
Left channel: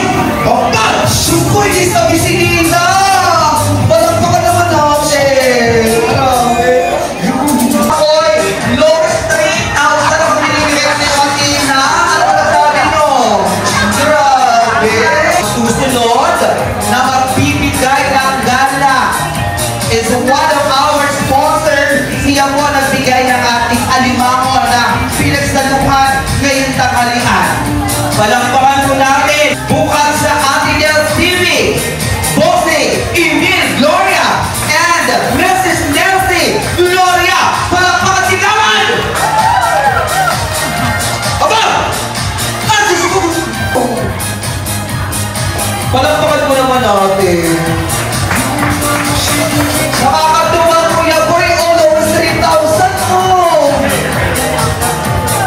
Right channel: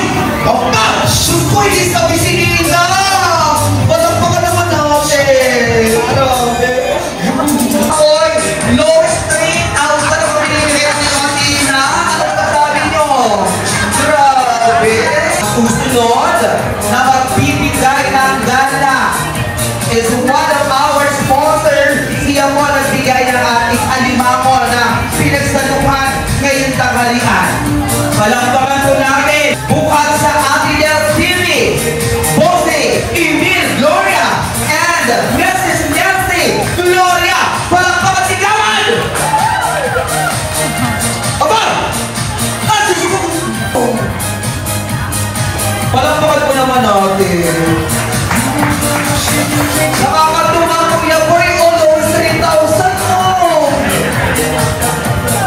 sus ko, hindi sabi si Nina. Palakpakan naman natin. Grabe. Oy, Low Street, ang sarap pinigyan ni Makina. Ano na sabi nyo? Grabe. Susunod na magbibigay ng gala is one of our sponsors. Siya po nagbigay ng ating alimango na pinagsaluhan ngayong tanghalian. Palakpakan po natin bukas sa Atinel TV, Bossy, Emil, Gloria, and Mrs. Nancy Gloria. Palakpakan sigawan! Aba! Palakpakan po naman natin. Nakakatuwa Kuya Boy, almost 3,000 mo.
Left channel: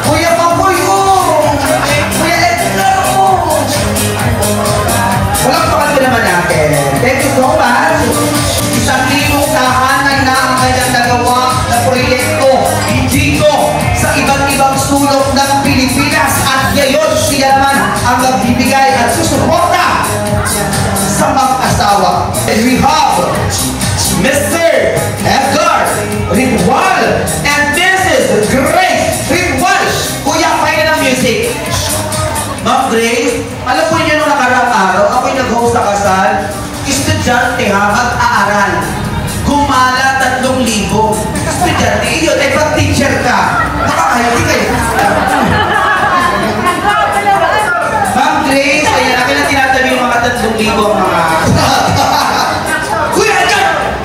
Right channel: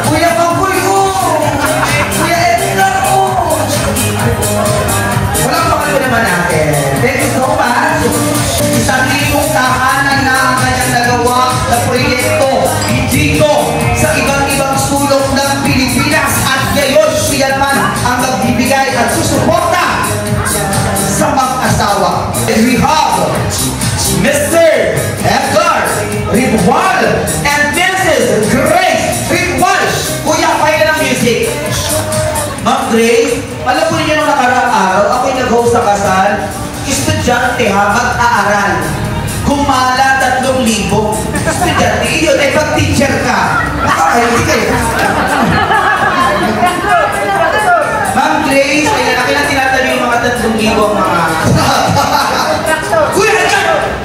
Kuya Maboy mo. Kuya Edgar mo. Palakpakan po naman natin. Thank you so much. Isang libong tahanan na ang kanyang nagawa na proyekto dito sa ibang sulok ng Pilipinas. At ngayon siya naman ang magbibigay at susuporta sa mag-asawa. We have Mr. Edgar Ridwal and Mrs. Grace Ridwal. Kuya, kaya ng music. Ma'am Grace, alam mo niyo nung nakaraang araw, ako'y nag-host sa kasal. Estudyante ha, mag-aaral. Gumala 3,000. Estudyante, yun, ay pag-teacher ka. Nakakahindi kayo. Ma'am Grace, kaya na kailan tinatabi yung mga 3,000 ang mga... Kuya,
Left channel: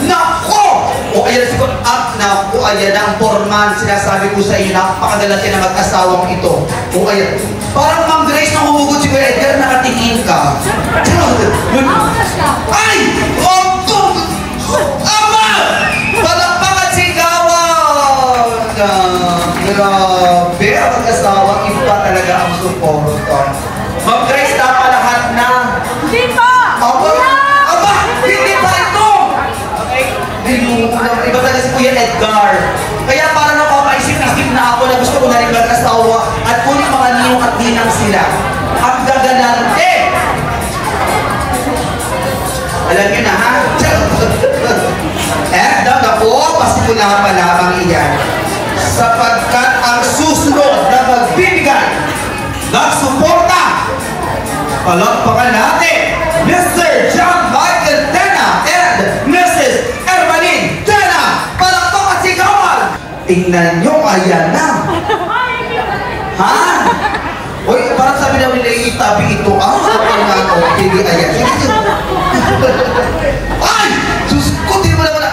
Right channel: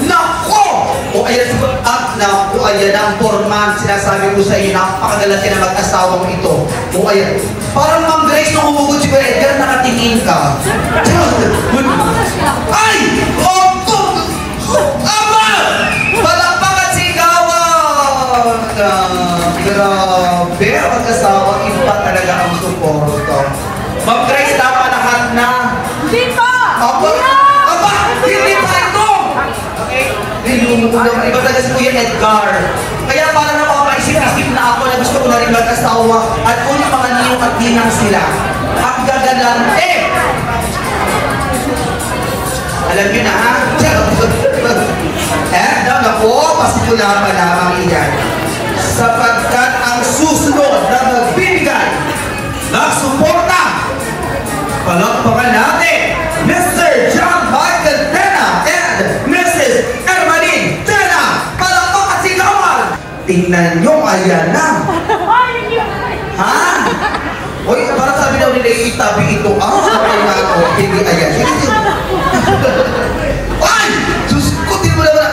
nako! O ayan siguro, at nako, ayan ang foreman. Sinasabi ko sa iyo, napakagalati na mag-asawang ito. O ayan, parang Ma'am Grace na humugot si Kuya Edgar, nakatingin ka. Ay! Ama! Palakpakan sigawan! Grabe, ang mag-asawang iba talaga ang suporto. Ma'am Grace, tama lahat na. Hindi pa! Aba! Hindi pa ito! Ay, iba talaga si Kuya Edgar. Kaya para na ako maisip-isip na ako na gusto ko na rin mag-asawa at kunin mga niyong at ninang sila. At gagalante! Alam niyo na ha? Ako, pasimula pa lamang iyan. Sapagkat ang susunod na magbibigay, magsuporta, palakpakan natin, Mr. John Michael Tena and Mrs. Ermaline Tena. Palakpakan sigawan! Tingnan nyo, ayan na. Ha? Uy, parang sabi daw nila itabi ito. Sabi nga ako, hindi ayan. Ay! Diyos ko, di mo naman.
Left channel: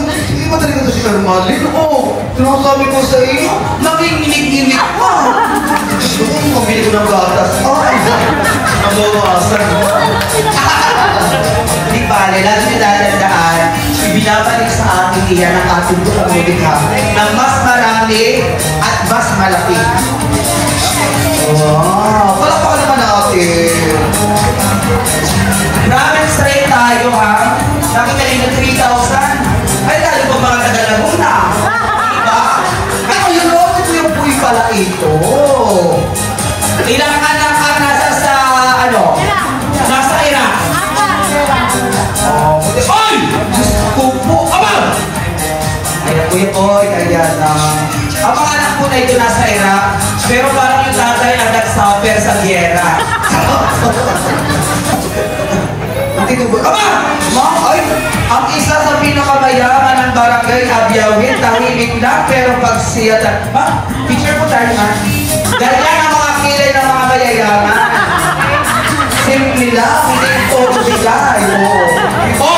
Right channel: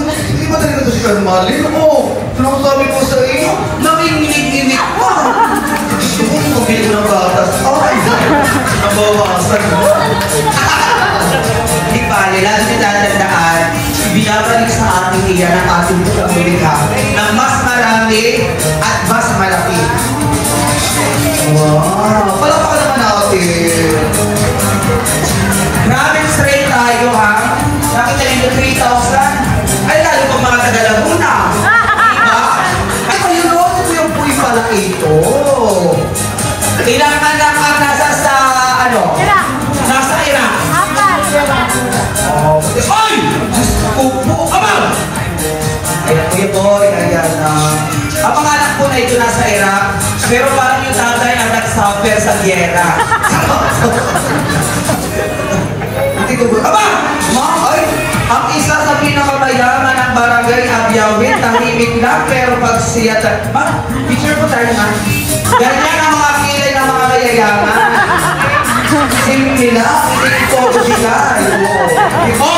Hindi ba talaga ito si Ermaline? Sinasabi ko sa iyo, nanginginig-inig pa. Pabili ko ng gatas. Nabawasan. Hindi pa, lahat sinadandaan, ibinabalik sa ating iyan ang ating pagkakulikha na mas marami at mas malaki. Wow! Palakpakan naman natin. Grabe straight tayo ha. Nakita nyo 3,000. Ay lalo pa mga taga-Laguna. Diba? Ay yun o, yung puy pala ito. Ilang anak ang nasa sa ano? Nasa Iraq. Oh, ay! Diyos ko po. Aba! Ayan, ayan. Ang mga anak po na ito nasa Iraq. Pero parang ang tatay ang nag-suffer sa giyera. Hindi ko ba? Aba! Ma'am, ay! Ang isa sa pinakamayaman ng barangay Abyawin, tahimik lang, pero pag siya... Ma, picture mo tayo, ma. Ganyan ang mga kilay ng mga mayayaman. Simple lang, hindi ito bigay. Ito!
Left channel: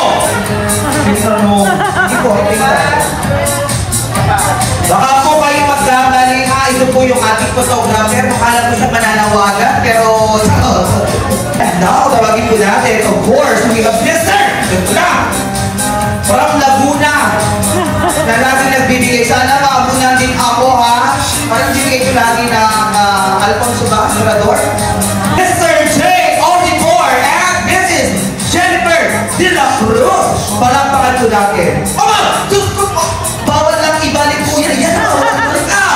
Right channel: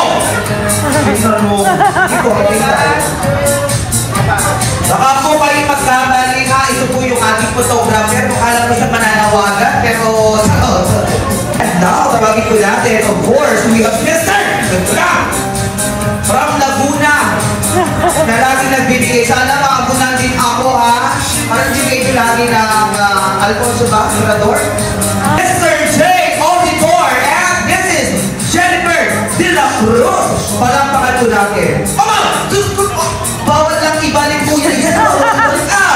Tingnan mo. Ito, tingnan. Baka po kayo magkamali ha. Ito po yung ating photographer. Makala ko siya mananawagan, pero now, tawagin po natin. Of course, we have Mr. From Laguna na lagi nagbibigay. Sana maabunan din ako ha. Parang bibigay ko lagi ng Alfonso ba? Mirador? Mr. J. Auditor and Mrs. Jennifer De La Cruz. Palampakan po natin. Bawal lang ibalik po yan. Yan, bawal ka.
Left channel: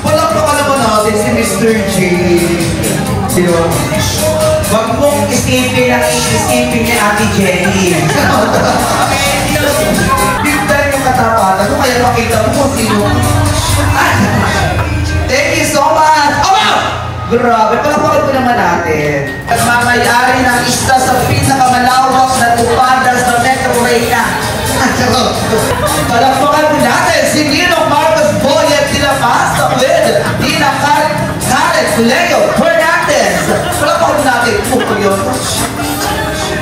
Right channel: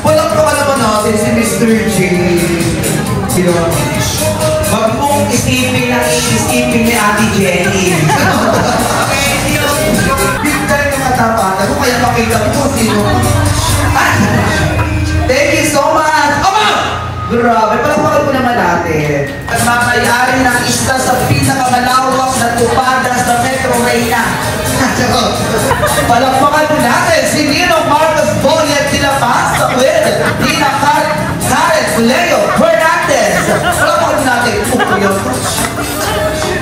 Palampakan naman natin si Mr. J. Diba? Wag mong isipin ang isipin ni Ate Jenny. Bigay yung katapatan ko, kaya makita mo kung sino. Thank you so much! Grabe, palapakan po naman natin. At makayari ng isa sa pinakamalawak na tupadas na Metro Reyna. Palapakan po natin si Nino Marcos Boyet de la Paz, with Nina Karen Leo Hernandez. Palapakan po natin.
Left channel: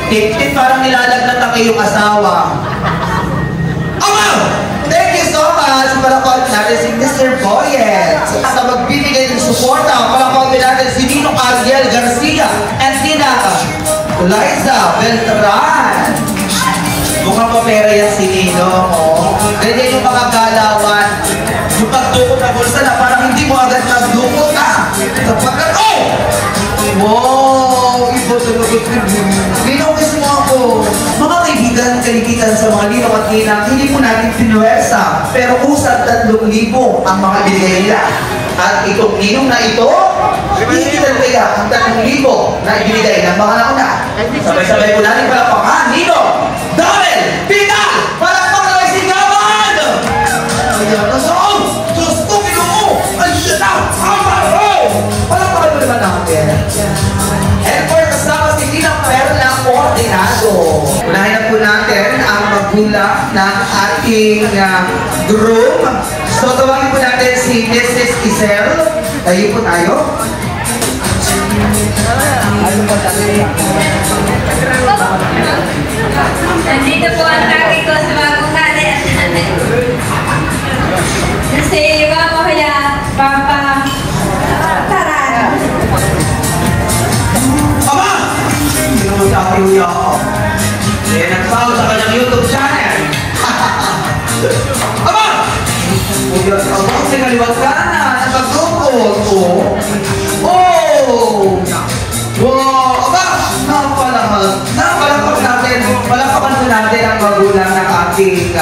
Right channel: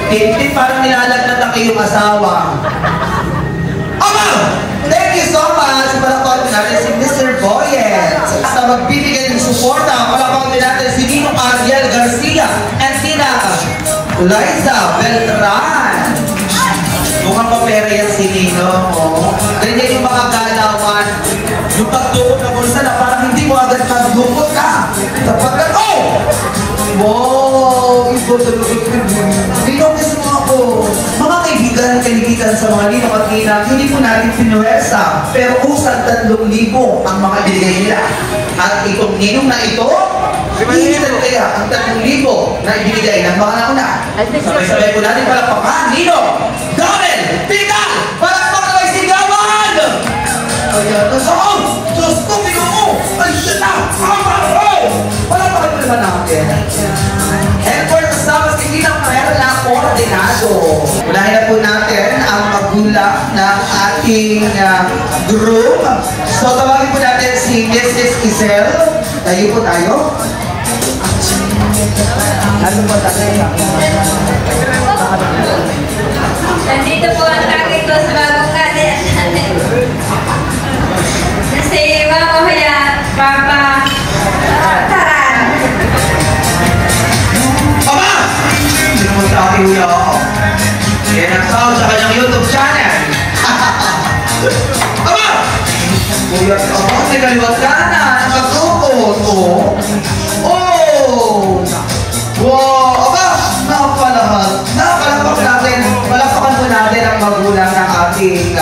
Tip-tip, parang nilalagnat ang iyong asawa. Thank you so much! Palapakan po natin si Mr. Boyet. Sa magbibigay ng suporta, palapakan po natin si Nino Ariel Garcia and Tina Liza Beltran. Mukhang papera yan si Nino. Ganyan yung mga galawan. Yung pagtukot na bulsa na parang hindi mo agad naglukot na. Sapagkat, wow! Ibo sa lukot. Nino kasi nga po, mga kaibigan, kaligitan sa mga Nino at Nina, hindi po natin pinuwersa. Pero usag 3,000 ang mga binigay nila. At itong Ninong na ito, iiwan kaya ang 3,000 na ibinigay ng mga nauna. Sabay-sabay po natin palapakan. Nino! Darren! Pita! Palakpak na sigawan! Ayan, nasaan? Diyos ko, mo! Ay, shit na! Palakpakan mo naman natin. And for kasama si Tina Perla Ordinado. Unahin na po natin ang magulang ng ating group. So, tawagin po natin si Mrs. Isel. Tayo po tayo. Ano po tayo? Nandito po ang sabi ko sa bagong natin. Si Mama Kuya, Papa Taran. Papa! Sino mo sa aking uya ako? Yan ang tao sa kanyang YouTube channel. Papa! Kuya ka ako, sinaliwag ka na. Nakagukot. Oh! Wow! Aba! Palakpakan po natin ang magulang ng ating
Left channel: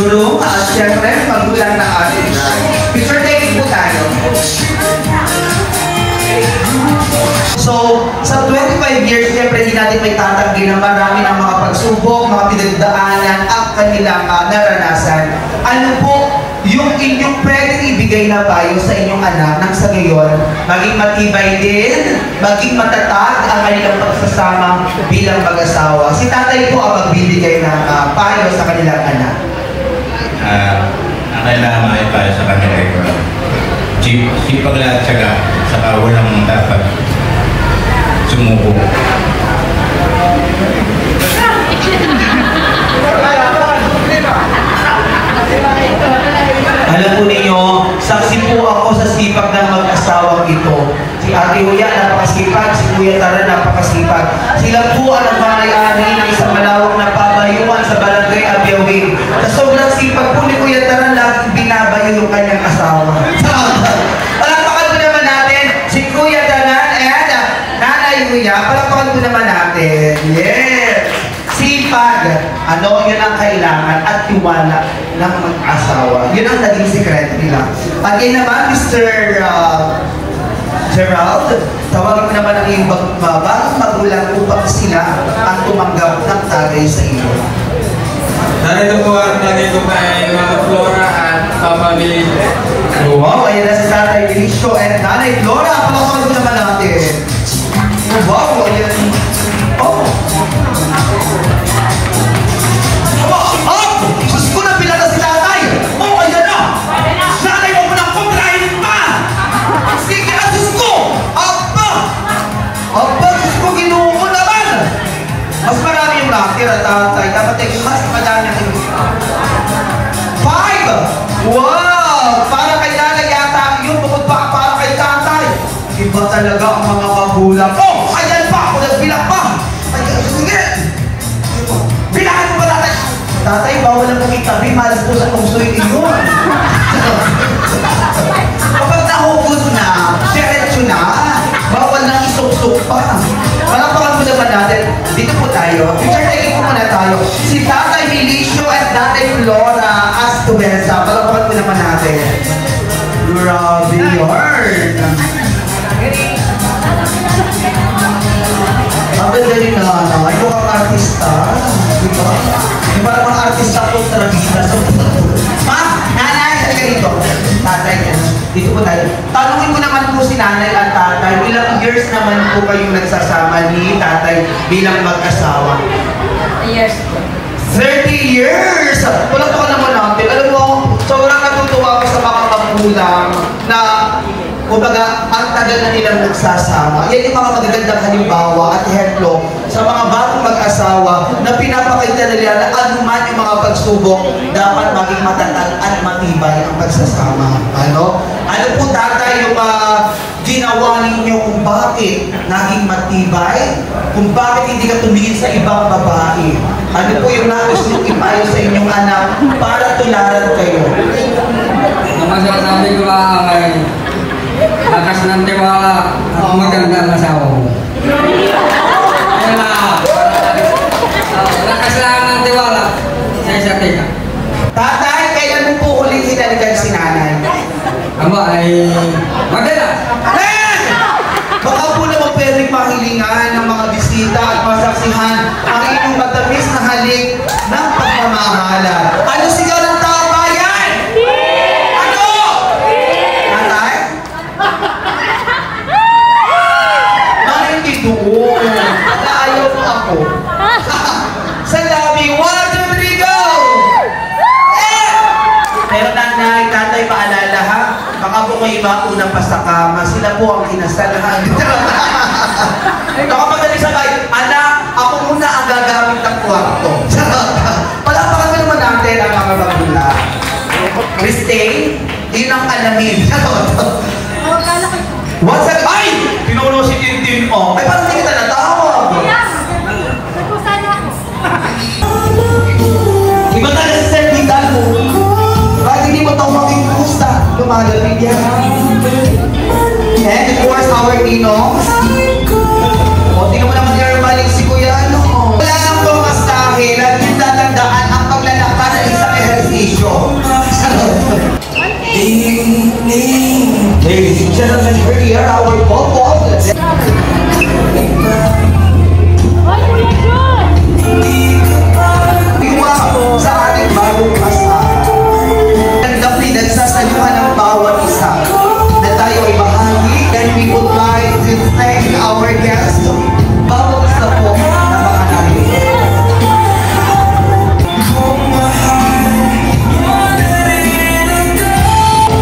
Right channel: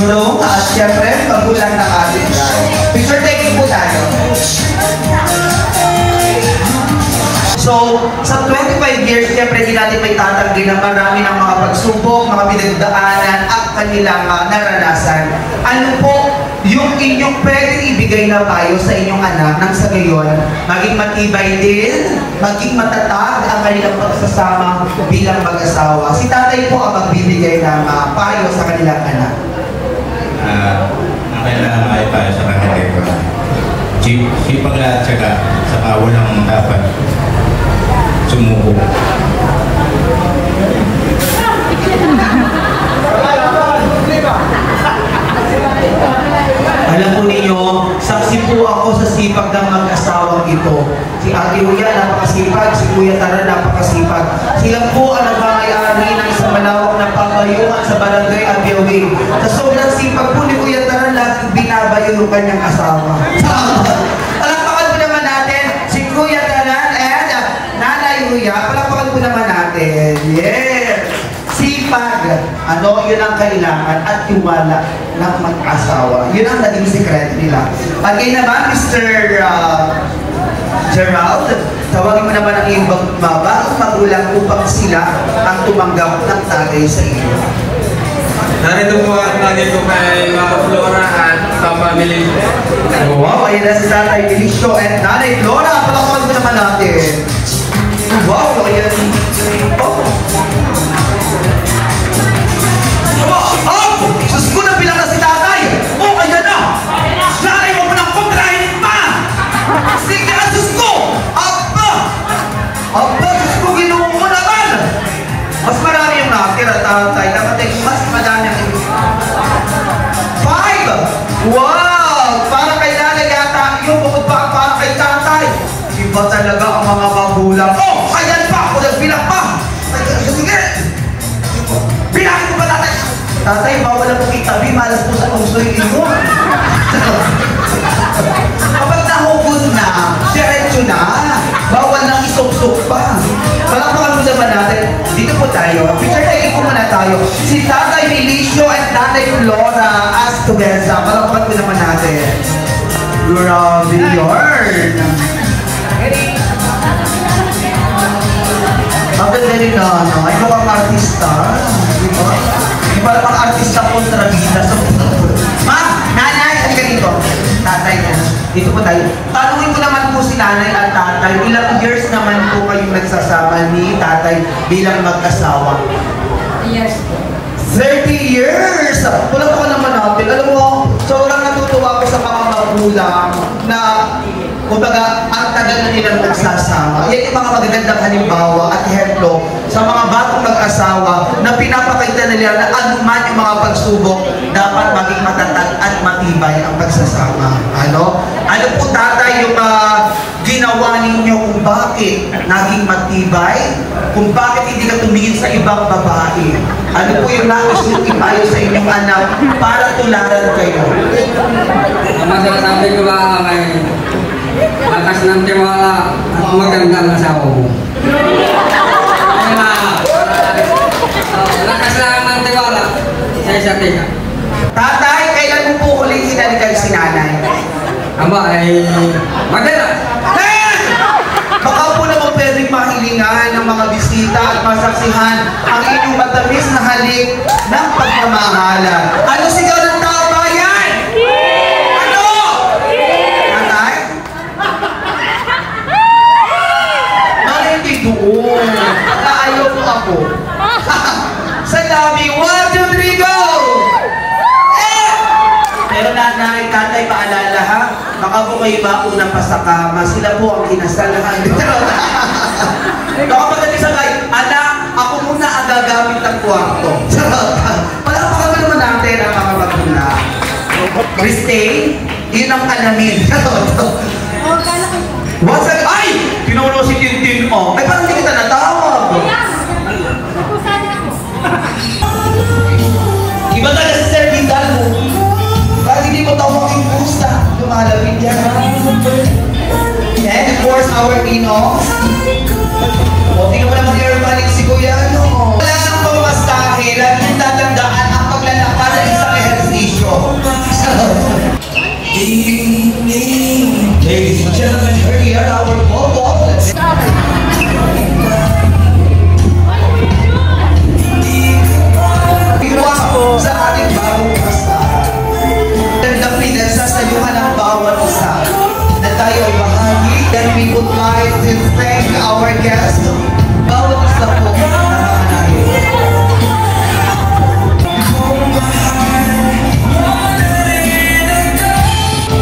guru at syempre magulang ng ating picture taking po tayo. So, sa 25 years, siyempre hindi natin may tatanggi na marami ng mga pagsubok, mga pinagdaanan at kanilang naranasan. Ano po yung inyong pwedeng ibigay na payo sa inyong anak nang sa ngayon, maging matibay din, maging matatag ang kanilang pagsasama bilang mag-asawa. Si tatay po ang magbibigay ng payo sa kanilang anak. Ang kailangan maipayo sa kanila ito. Sipag lahat saka walang dapat sumuko. Alam po ninyo, saksi po ako sa sipag ng mag-asawang ito. Si Ate Uya, napakasipag. Si Kuya Tara, napakasipag. Sila po ang nagmamay-ari ng isang malawak na pambayuan sa Barangay Abyawin. Sa sobrang sipag po ni Kuya Tara, laging binabayo yung kanyang asawa. Palakpakan po naman natin si Kuya Tara and Nanay Uya. Palakpakan po naman natin. Yes! Sipag, yun ang kailangan at tiwala ng mag-asawa. Yun ang naging sekreto nila. Again naman, Mr. Gerald, tawagin mo naman ang iyong bagong magulang upang sila ang tumanggap ng tagay sa iyo. Narito po at lagi ko kay Mama Flora at Papa Melinda. Wow, ayun na si Tatay Felicio at Nanay Flora. Palakpakan ko naman natin. Wow, ayan. Oh. Oh! Diyos ko na pinala si Tatay! Oh, ayan na! Nanay, huwag mo nang kontrahin pa! Sige, Diyos ko! Aba! Aba, Diyos ko, ginuho mo naman! Mas marami yung nakatira, Tatay. Dapat ay mas madami ang 5! Wow! Para kay Nanay yata yung bukod pa para kay Tatay. Iba talaga ang mga magulang. Oh! Ayan pa! Ako nagbilang pa! Sige! Bilangin ko pa, Tatay! Tatay, bawal na pong itabi. Malas po sa puso yung inyo. Kapag nahugot na, diretso na. Bawal na isok-sok pa. Palakpakan mo naman natin. Dito po tayo. Picture taking po muna tayo. Si Tatay Felicio at Tatay Flora as to Benza. Palakpakan po naman natin. Grabe yun. Ang ganda rin na, ay mukhang artista. Diba? Diba namang artista po trabida sa Ma, Nanay, halika dito. Tatay niya. Dito po tayo. Tanungin ko naman po si Nanay at Tatay, ilang years naman po kayong nagsasama ni Tatay bilang mag-asawa? 30 years po. 30 years! Walang po naman natin. Alam mo, sobrang natutuwa ko sa mga magulang na kumbaga, ang tagal na nilang nagsasama. Yan yung mga magagandang halimbawa at ehemplo sa mga bagong mag-asawa na pinapakita nila na anuman yung mga pagsubok, dapat maging matatag at matibay ang pagsasama. Ano? Ano po, Tatay, yung ginawa ninyo kung bakit naging matibay? Kung bakit hindi ka tumingin sa ibang babae? Ano po yung nais nyo ipayo sa inyong anak para tularan kayo? Ang masasabi ko ba ay lakas ng tiwala at magandang asawa mo. Ayun na. Lakas lang ng tiwala sa isa't isa. Tatay, kailan mo po ulit sinalikan si Nanay? Ama ay madalas. Baka po naman pwedeng mahilingan ng mga bisita at masaksihan ang inyong matamis na halik ng pagmamahalan. Ano sigaw ng tao bayan? Ano? Tatay? Nakindi doon. Naayaw mo ako. Sa labi, 1, 2, 3, go! Pero Nanay, Tatay, paalala ha, baka po kayo mauna pa sa kama, sila po ang kinasalahan. Baka magaling sa kayo, anak, ako muna ang gagamit ng kwarto. Palakpakan mo naman natin ang mga magulang. Christine, yun ang alamin. What's that? Ay! Pinuno si Tintin, oh. Ay, parang hindi kita natawag. Nagkusana ako. Iba ka na sa servisan mo. Bakit hindi mo tawagin pusa? Lumalapit yan. And of course, our Pinoy. O, tingnan mo naman yung balik si Kuya, ano? Wala nang pumastahe. Lagi yung tatandaan ang paglalakad ng isang ehersisyo. Ladies and gentlemen, here are our Bobo of the day. Sa ating bagong asawa. Gandang pinagsasayuhan ng bawat isa na tayo ay bahagi. Then we would like to thank our guests. Bawat isa po na makanahin.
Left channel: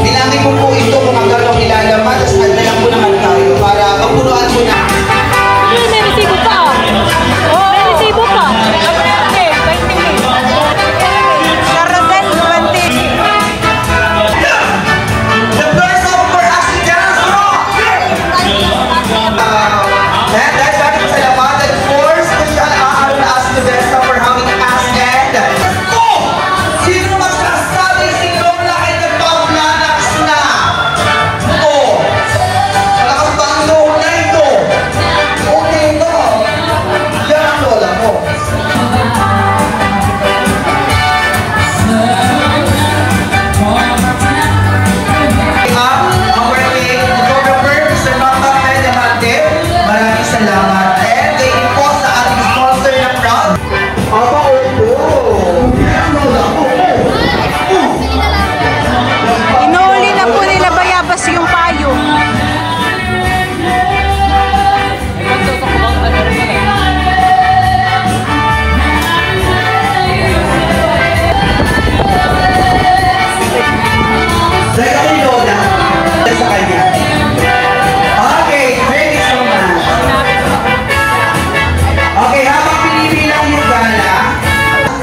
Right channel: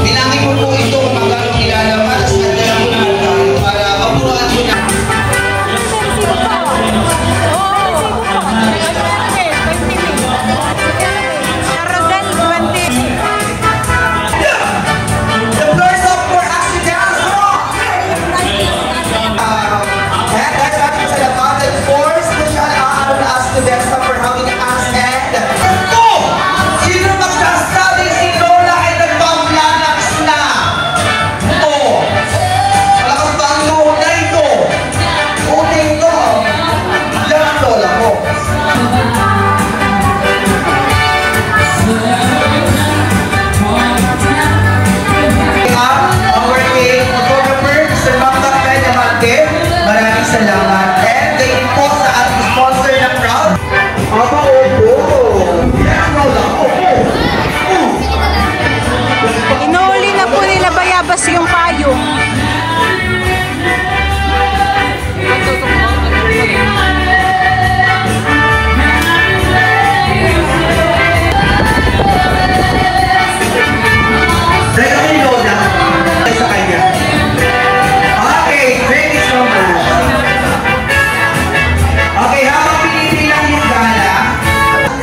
Hinangin mo po ito kung magkano kilalaman at dalang po naman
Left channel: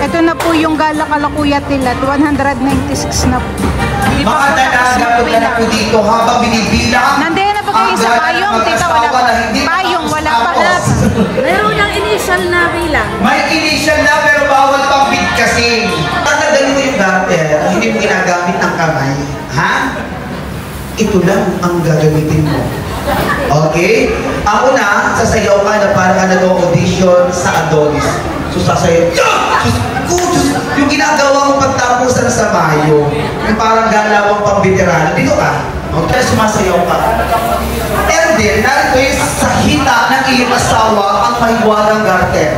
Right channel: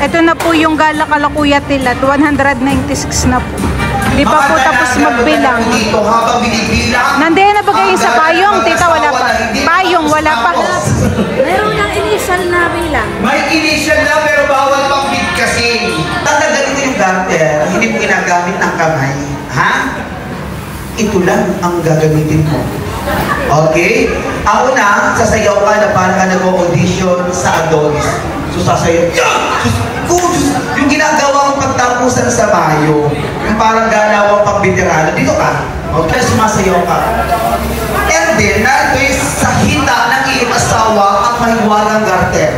Ito na po yung gala kalakuya tilat, 196 na po. Hindi pa po tapos magbilang. Dito habang binibilang. Nandiyan na ba kayo sa payong? Tita, wala pa. Payong, wala pa. Meron ng initial na bilang. May initial na pero bawal pang bit kasi. Ang ganito yung garter, hindi mo ginagamit ng kamay. Ha? Ito lang ang gagamitin mo. Okay? Ang una, sasayaw ka na parang ka nag-audition sa Adonis. So sasayaw, yung ginagawa mong pagtapusan sa Mayo, yung parang galawang pang-veterano, dito ka. Okay, sumasayaw ka. And then, nandun sa hita ng iyong asawa ang mahiwagang garter.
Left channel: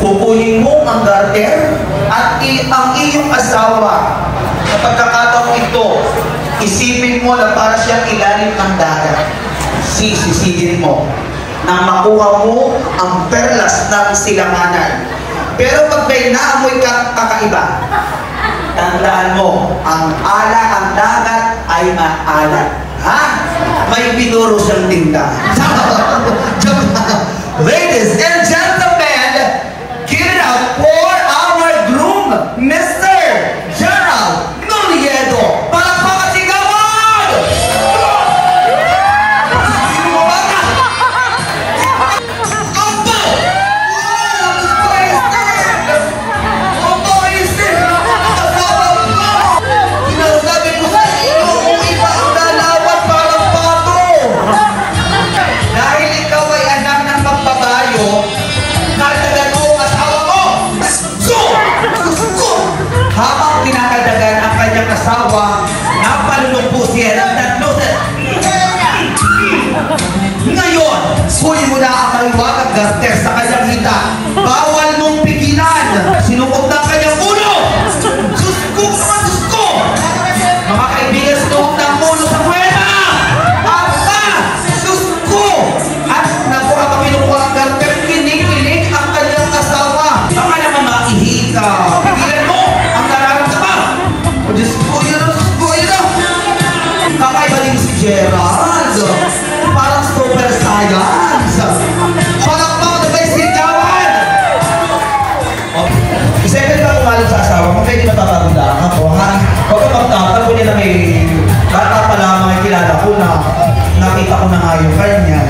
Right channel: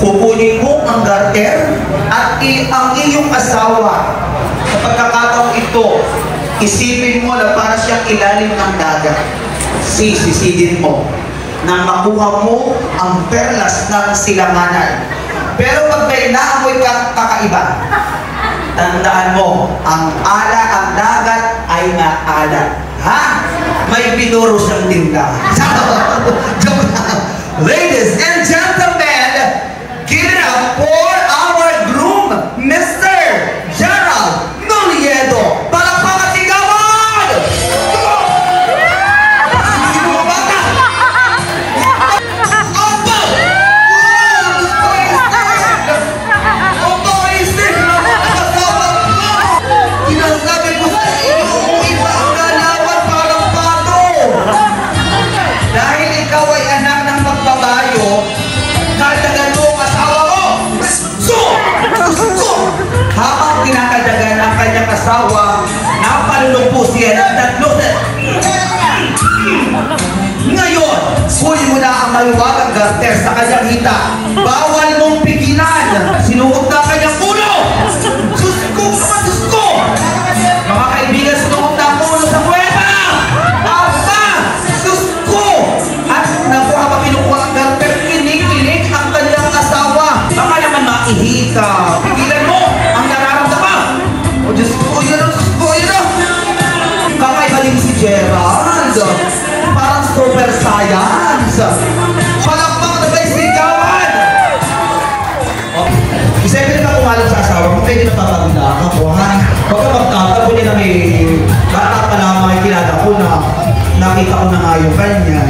Kukunin mo ang garter at ang iyong asawa sa pagkakataong ito, isipin mo na para siyang ilalim ang dagat. Sisigin mo na makuha mo ang perlas ng silanganan. Pero pag may naamoy ka kakaiba, tandaan mo, ang ala ang dagat ay maalat. Ha? May pinuro siyang tinda. Ladies and gentlemen, give it up for our groom, Mr. Gerald Noliedo. Palakpakan sigawan! Sino mo ba ka? Dahil ikaw ay anak ng magbabayo, kardagan mo ang asawa mo! Habang kinakadagan ang kanyang asawa, napalulong po siya ng tatlunan. Ngayon, huli mo na ang maluwagang garter sa kanyang hita. Bawal mong pigilan. Sinuot na kanyang ulo! Sus ko! Mga kaibigan, sinuot na ang ulo sa kweta! Basta! Sus ko! At naku, kapag pinukuha ang garter, kinig-kinig ang kanyang asawa. Baka naman maihika. Pigilan mo ang nararamdaman. O Diyos ko, yun o. Baka ibaling si Gerald. Parang super science. Palakpak na may sigawan. Isipin ka umalit sa asawa mo, pwede na papaganda ako, ha? Huwag ka magtapag, kundi na may bata pa lamang ay kilala ko na nakita ko na nga yung kanya.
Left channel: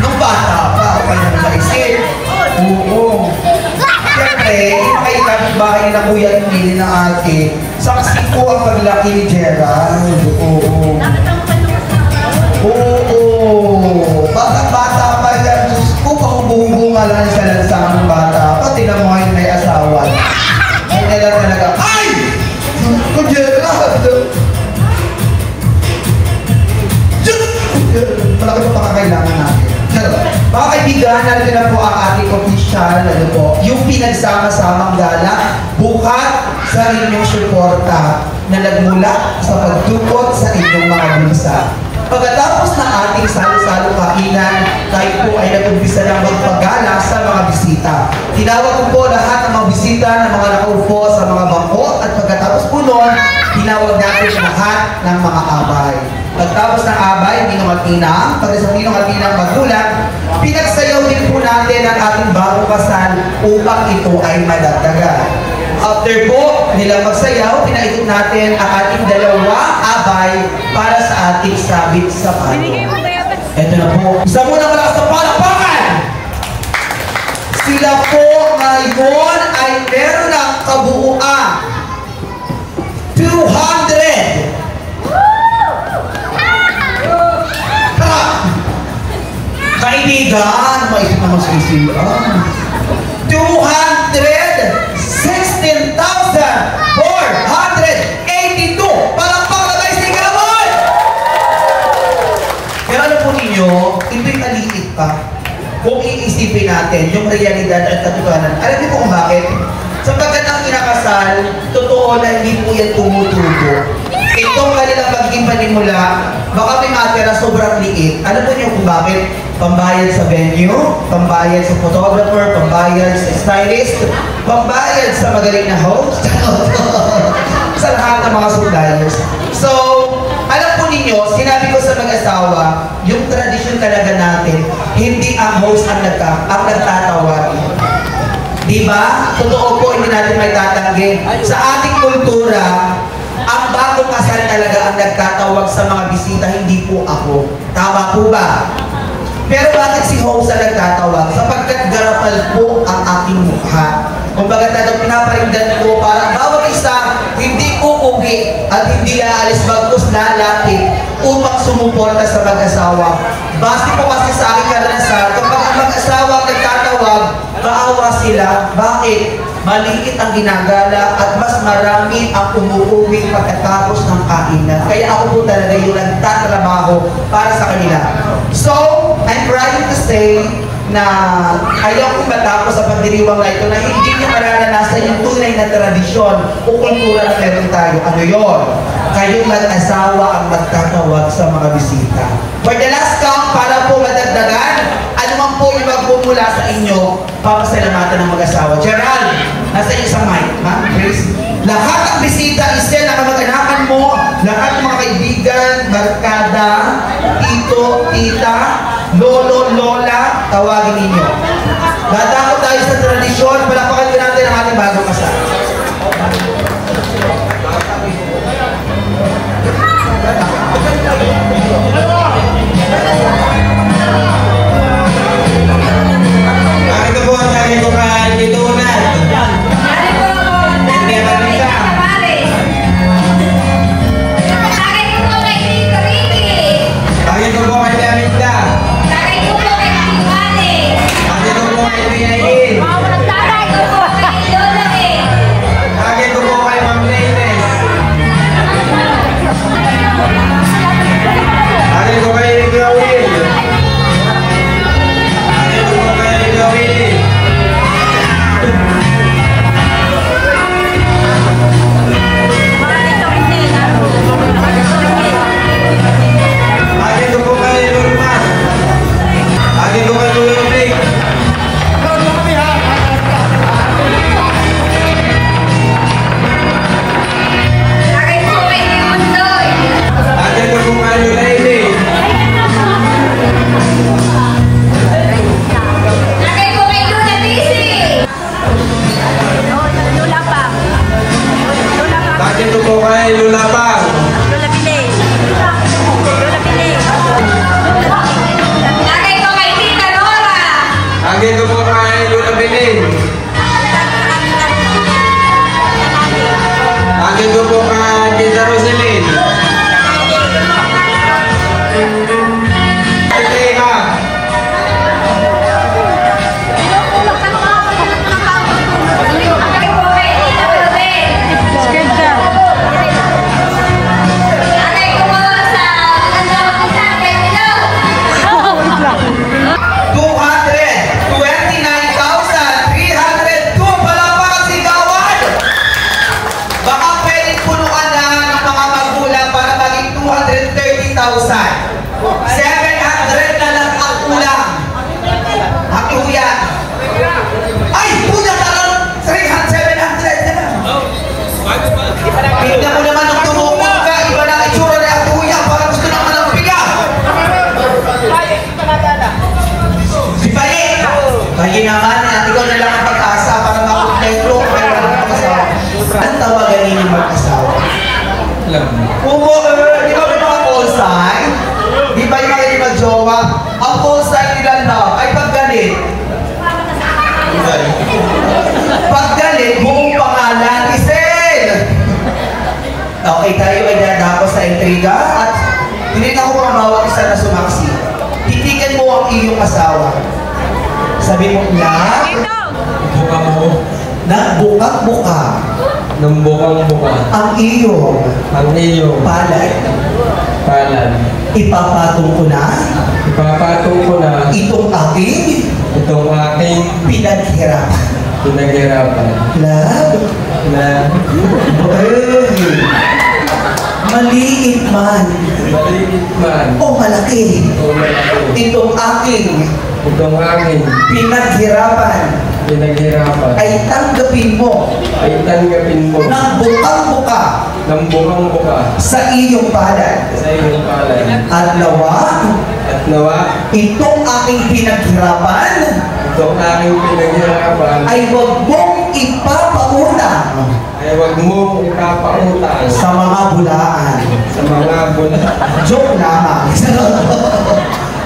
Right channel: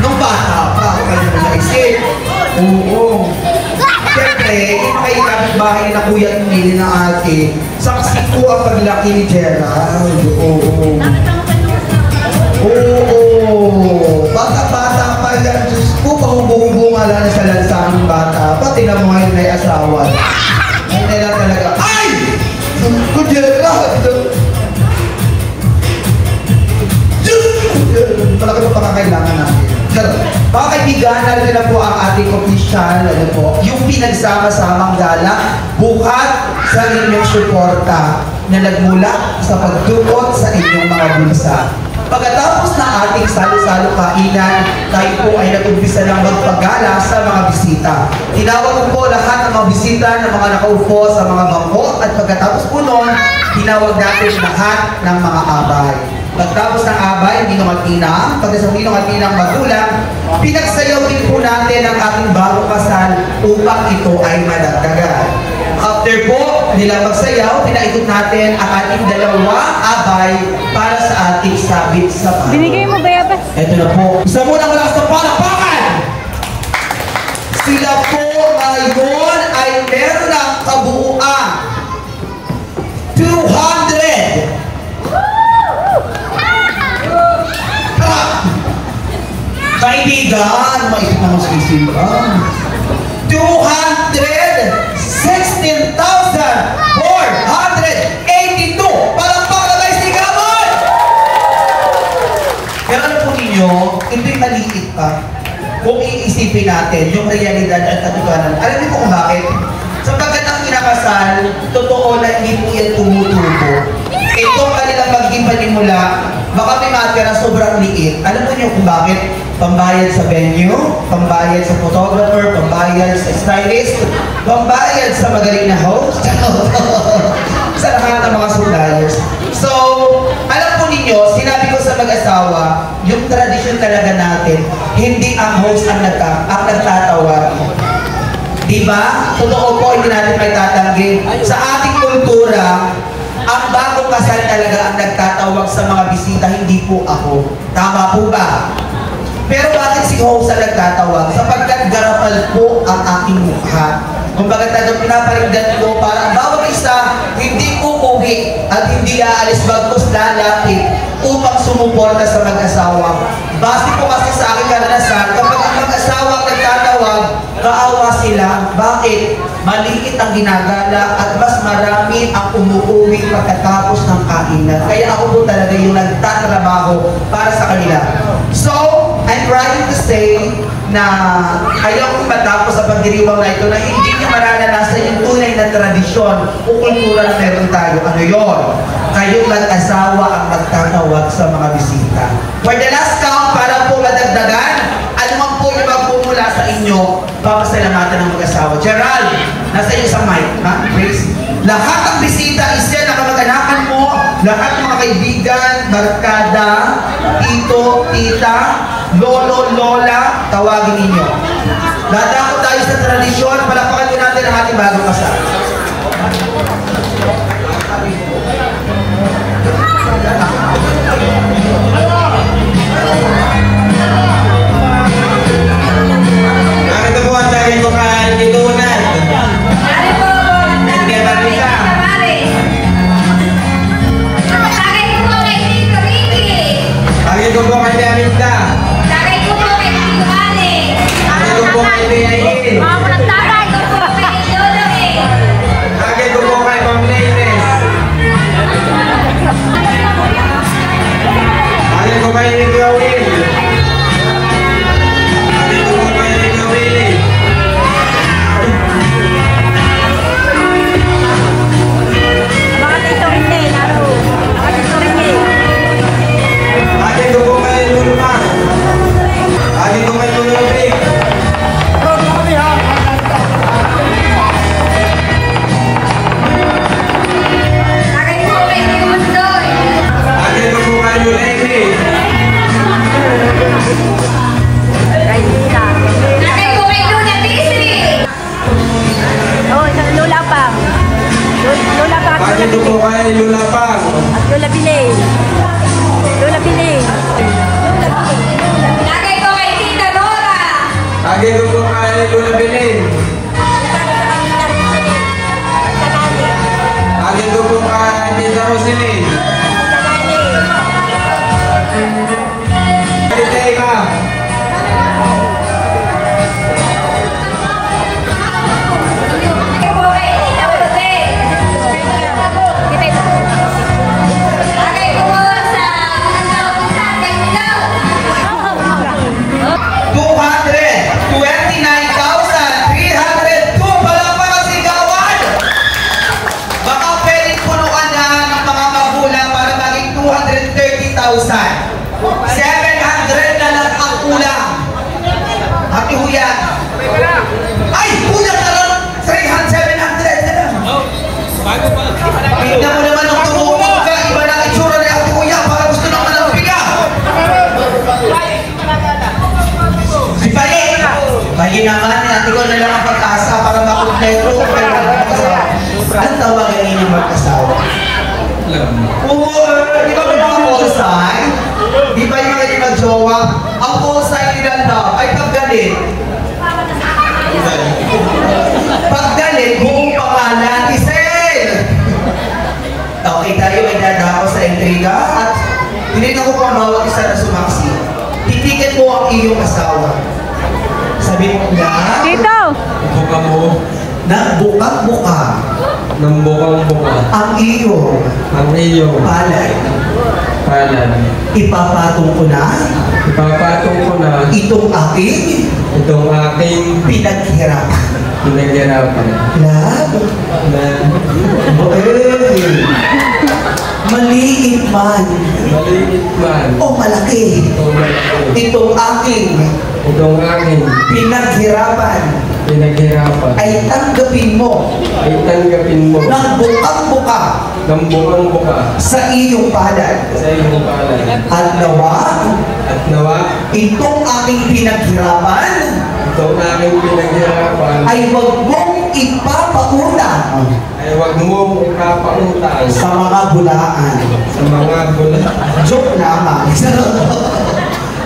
Nung bata pa, ako kanya na naisip. Oo. Siyempre, nakita ng bahay na kuya at nili na ate. Saksi ko ang paglaki ni Gerald. Oo. Oo. Bata-bata pa yan. Diyos ko, pahubo-hubo nga lang sa lansang ng bata. Pati na mga yung may asawa. Hindi na talaga. Ay! Ko Gerald! Malaki pa kakailangan natin. Mga kaibigan, natin na po ang ating official, yung pinagsama-samang gala, buhat sa inyong suporta na nagmula sa pagdukot sa inyong mga bulsa. Pagkatapos na ating salo-salo kainan, tayo po ay nag-umpisa ng magpagala sa mga bisita. Tinawag ko po lahat ng mga bisita na mga nakaupo sa mga bangko at pagkatapos po noon, tinawag natin lahat ng mga abay. Pagtapos ng abay, ninungatinang, pagkasabi ng atinang magulang, pinagsayaw din po natin ang ating bagong kasal upang ito ay madagdagan. After po nila magsayaw, pinaikot natin ang ating dalawa abay para sa ating sabit sa palo. Binigay mo ba yata? Ito na po. Isa muna malakas na palakpakan! Sila po ngayon ay meron ng kabuuan 200! Kaibigan, maisip naman sa isipan. 216,482! Palakpak na tayo sigawan! Pero alam po ninyo, ito'y maliit pa. Kung iisipin natin, yung realidad at katotohanan. Alam niyo po kung bakit? Sapagkat ang kinakasal, totoo na hindi po yan tumutubo. Itong kanilang maging panimula, baka may matira sobrang liit. Alam po niyo kung bakit? Pambayad sa venue, pambayad sa photographer, pambayad sa stylist, pambayad sa magaling na host, sa lahat ng mga suppliers. So, alam po ninyo, sinabi ko sa mag-asawa, yung tradisyon talaga natin, hindi ang host ang nagtatawag. Diba? Totoo po, hindi natin may tatanggi. Sa ating kultura, ang bagong kasal talaga ang nagtatawag sa mga bisita, hindi po ako. Tama po ba? Pero bakit si host ang nagtatawag? Sapagkat garapal po ang aking mukha. Kumbaga talagang pinaparinggan ko para bawat isa hindi uuwi at hindi aalis bagkus lalapit upang sumuporta sa mag-asawa. Base po kasi sa aking karanasan, kapag ang mag-asawa ang nagtatawag, kaawa sila. Bakit? Maliit ang ginagala at mas marami ang umuuwi pagkatapos ng kainan. Kaya ako po talaga yung nagtatrabaho para sa kanila. So, I'm trying to say na ayaw kong matapos sa pagdiriwang na ito na hindi niya mararanasan yung tunay na tradisyon o kultura na meron tayo. Ano yun? Kayong mag-asawa ang magtatawag sa mga bisita. For the last count, para po madagdagan, ano man po yung magmumula sa inyo, papasalamatan ng mag-asawa. Gerald, nasa iyo sa mic, ha? Please. Lahat ng bisita, isa na kamag-anakan mo, lahat ng mga kaibigan, barkada, tito, tita, lolo, lola, tawagin ninyo. Dadako tayo sa tradisyon, palakpakan din natin ang ating bagong kasal. Ito po ang sabi ko kay Titunan. Hindi ba nila? Bakit ko po kay Daminda? Bakit ko po kay Piyain? Bakit ko po kay Ma'am Lines? Bakit ko kay Gawin? Bakit ko po kay Gawin? Bakit ko po kay Lulman? Bakit ko kay Lulupig? Bakit ko po kay Lulaimi? Bakit ko po kay Lulapang? Bakit ko po kay Lulabilin? Bakit ko po kay Tita Roselyn? Teka. Palakpakan sigawan! Baka pwedeng punuan na ng mga magulang para maging 230,000. 700 na lang ang ulang. Happy Huya. Ay! Punya talon! 700 na lang. Tignan mo naman nung tumukong ka. Iba na itsura na Happy Huya. Para gusto naman ng piga. Si Paye! Paye naman. Ikaw na lang ang pag-asa para makumpleto. Pero ano mag-asawa? Ang tawagan ninyo mag-asawa? Di ba may mga call sign? Di ba yung mga mag-jowa? Ang call sign nila na ay paggalit. Paggalit, buong pangalan, Isel! Okay, tayo ay dadako sa intriga at hindi na ko pa bawat isa na sumaksi. Titigan mo ang iyong asawa. Sabi mo na... Buka mo. Na bukang-buka Ng bukang-buka. ang iyong Ang iyong palay. kalan. Ipapatong ko na Ipapatong ko na itong aking itong aking pinaghirapan. pinaghirapan. Na? Maliit man Maliit man o malaki, itong aking pinaghirapan ay tanggapin mo ng bukang-buka sa iyong palad. At nawa itong aking pinaghirapan Kung aking pinaghirapan, ay huwag mong ipapauna ay huwag mong ipapautang sa mga bulaan. sa mga bulan. Joke lamang.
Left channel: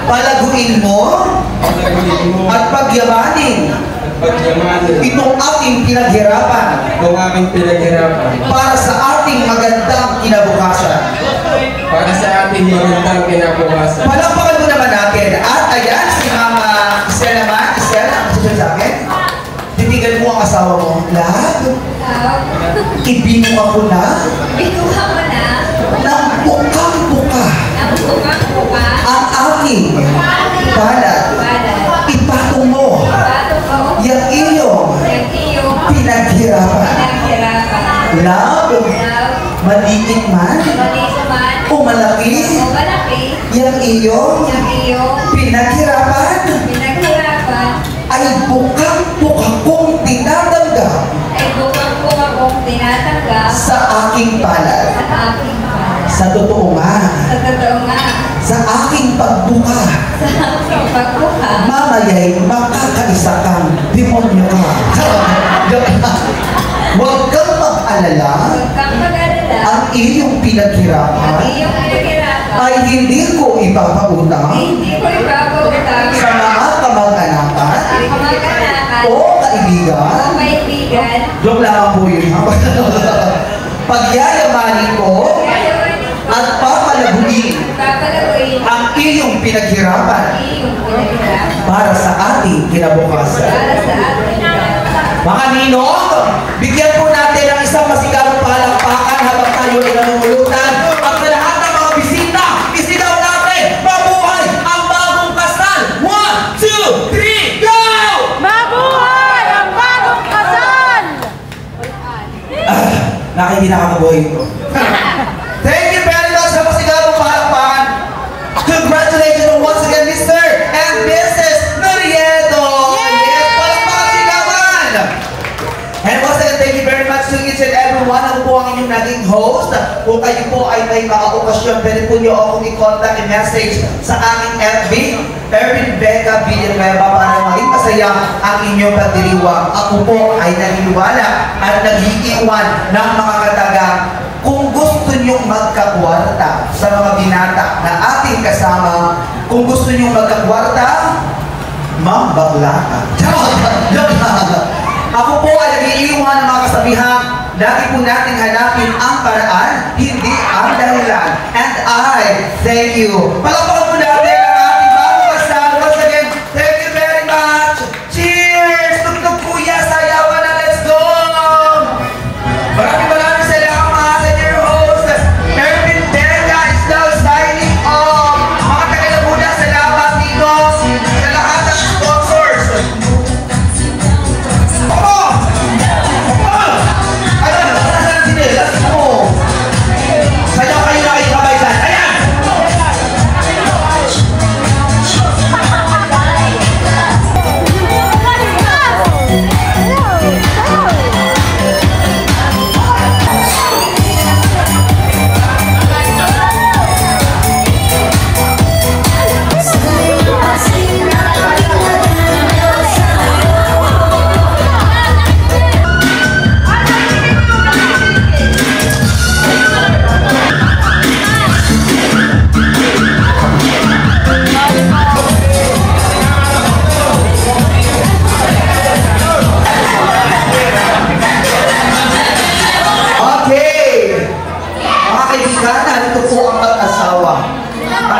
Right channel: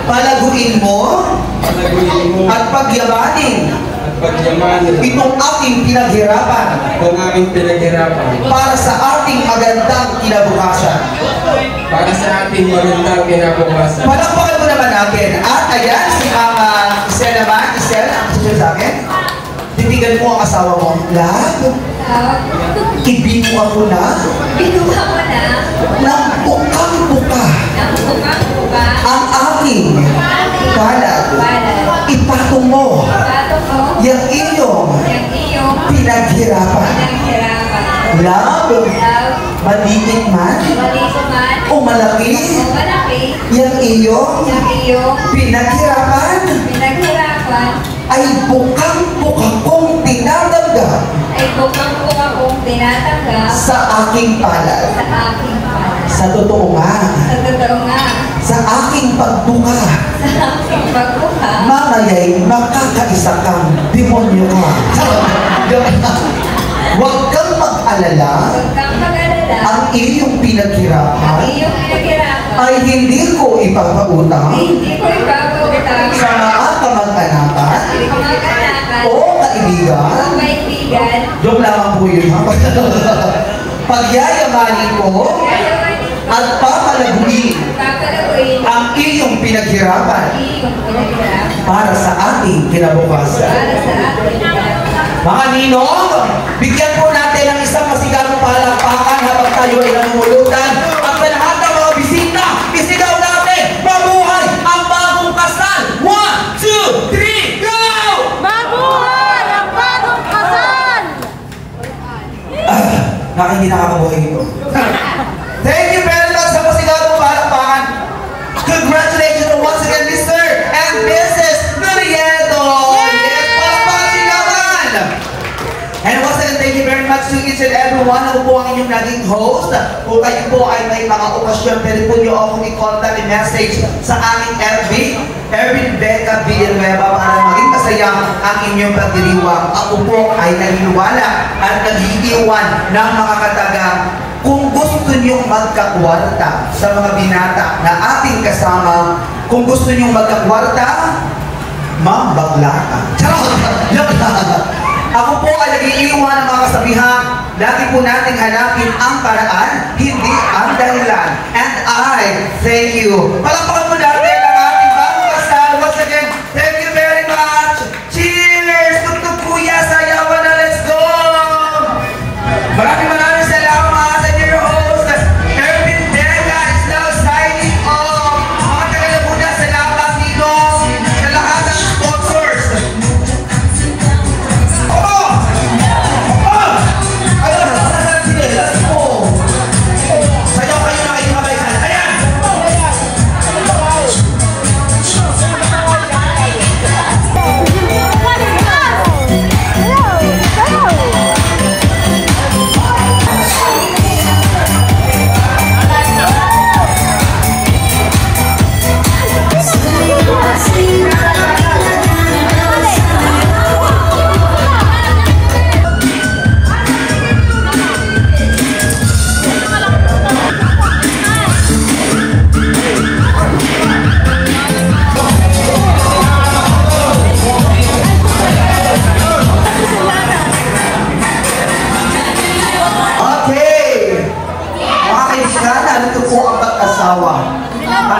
Palaguin mo Palaguin mo at pagyamanin at pagyamanin itong ating pinaghirapan kung aking pinaghirapan para sa ating magandang kinabukasan. para sa ating magandang kinabukasan. Palakpakan mo naman natin. At ayan, si Mama Isel naman. Isel, sige sa akin. Titigan mo ang asawa mo. Lahat. Ibinuha ko na. Binuha mo na. Nang bukang-buka Ang bukang-buka. ang aking balat. Ipatong mo yung iyong Yung iyong pinaghirapan. pinaghirapan. Love, maliit man Maliit man o malaki, o malaki, yung iyong yung iyong pinaghirapan pinaghirapan ay bukang-buka kong tinatanggap ay bukang-buka kong tinatanggap sa aking palad. sa aking palad. Sa totoo nga, Sa totoo nga, sa aking pagbuka, sa aking pagbuka, mamaya'y makakaisa kang demonyo ka. Huwag kang mag-alala, huwag kang mag-alala, ang iyong ang pinaghirapan iyong pinaghirapan ay hindi ko ipapautang ay hindi ko ipapautang sa mga kamag-anakan sa mga kanakan o kaibigan. o kaibigan. Doon lamang po yun. Pagyayamanin ko at papalaguin Papalaguin ang iyong pinaghirapan ang iyong pinaghirapan para sa ating kinabukasan. para sa ating kinabukasan. Mga ninong, bigyan po natin ng isang masigarong palakpakan habang tayo ay nanunulutan. At sa lahat ng mga bisita, isigaw natin, mabuhay ang bagong kasal! 1, 2, 3, go! Nakikinaakaboy ko. Thank you very much sa masigarong palakpakan. Congratulations once again, Mr. and Mrs. Noriego! Yes, palakpakan sigawan! And once again, thank you very much to each and everyone. Ako po ang inyong naging host. Kung kayo po ay may mga okasyon, pwede po niyo akong i-contact i-message sa aking FB, Erwin Becca Villanueva, para maging masaya ang inyong pagdiriwang. Ako po ay naniniwala at nag-iiwan ng mga katagang kung gusto niyo magkakwarta sa mga binata na ating kasama, kung gusto niyo magkakwarta, ma'am, bakla ka. Ako po ay nag-iiwan ng mga kasabihan, lagi po natin hanapin ang paraan, hindi ang dahilan. And I thank you. Palakpakan po natin ang ating bagong kasal. Once again, thank you very much. Cheers! Tugtog kuya, sayawan na, let's go! Maraming salamat sa dear host. Erwin Becca is now signing off. Mga tagal muna, salamat ninong sa lahat ng sponsors.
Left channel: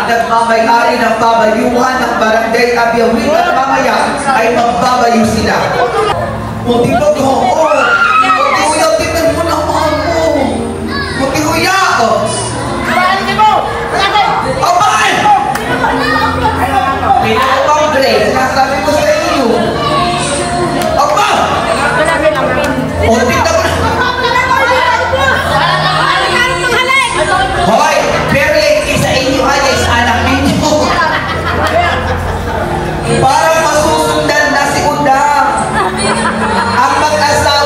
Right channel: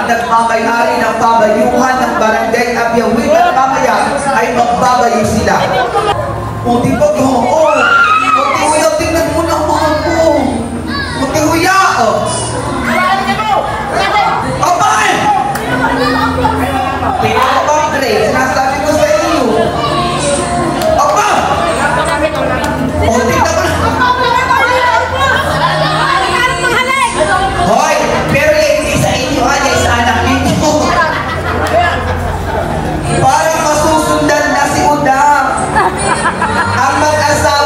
Nagmamayari ng babayuhan ng barangay Abiyawin at mamaya ay magbabayo sila. O di ba ko? O, Huya, tingnan mo na mga mo. Huya, o. O, bakit? Pinakapangre, sinasabi ko sa inyo. O, ba? O, tingnan mo. Hoy, pero yung sa inyo ay sa anak ninyo. Para masusundan na si Udang. Ang mag-asawa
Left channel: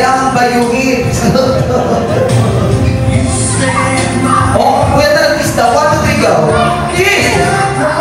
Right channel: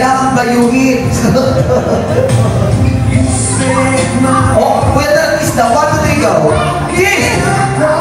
kailangan bayungin. Oh, pwede artista, 1, 2, 3, go! Kiss!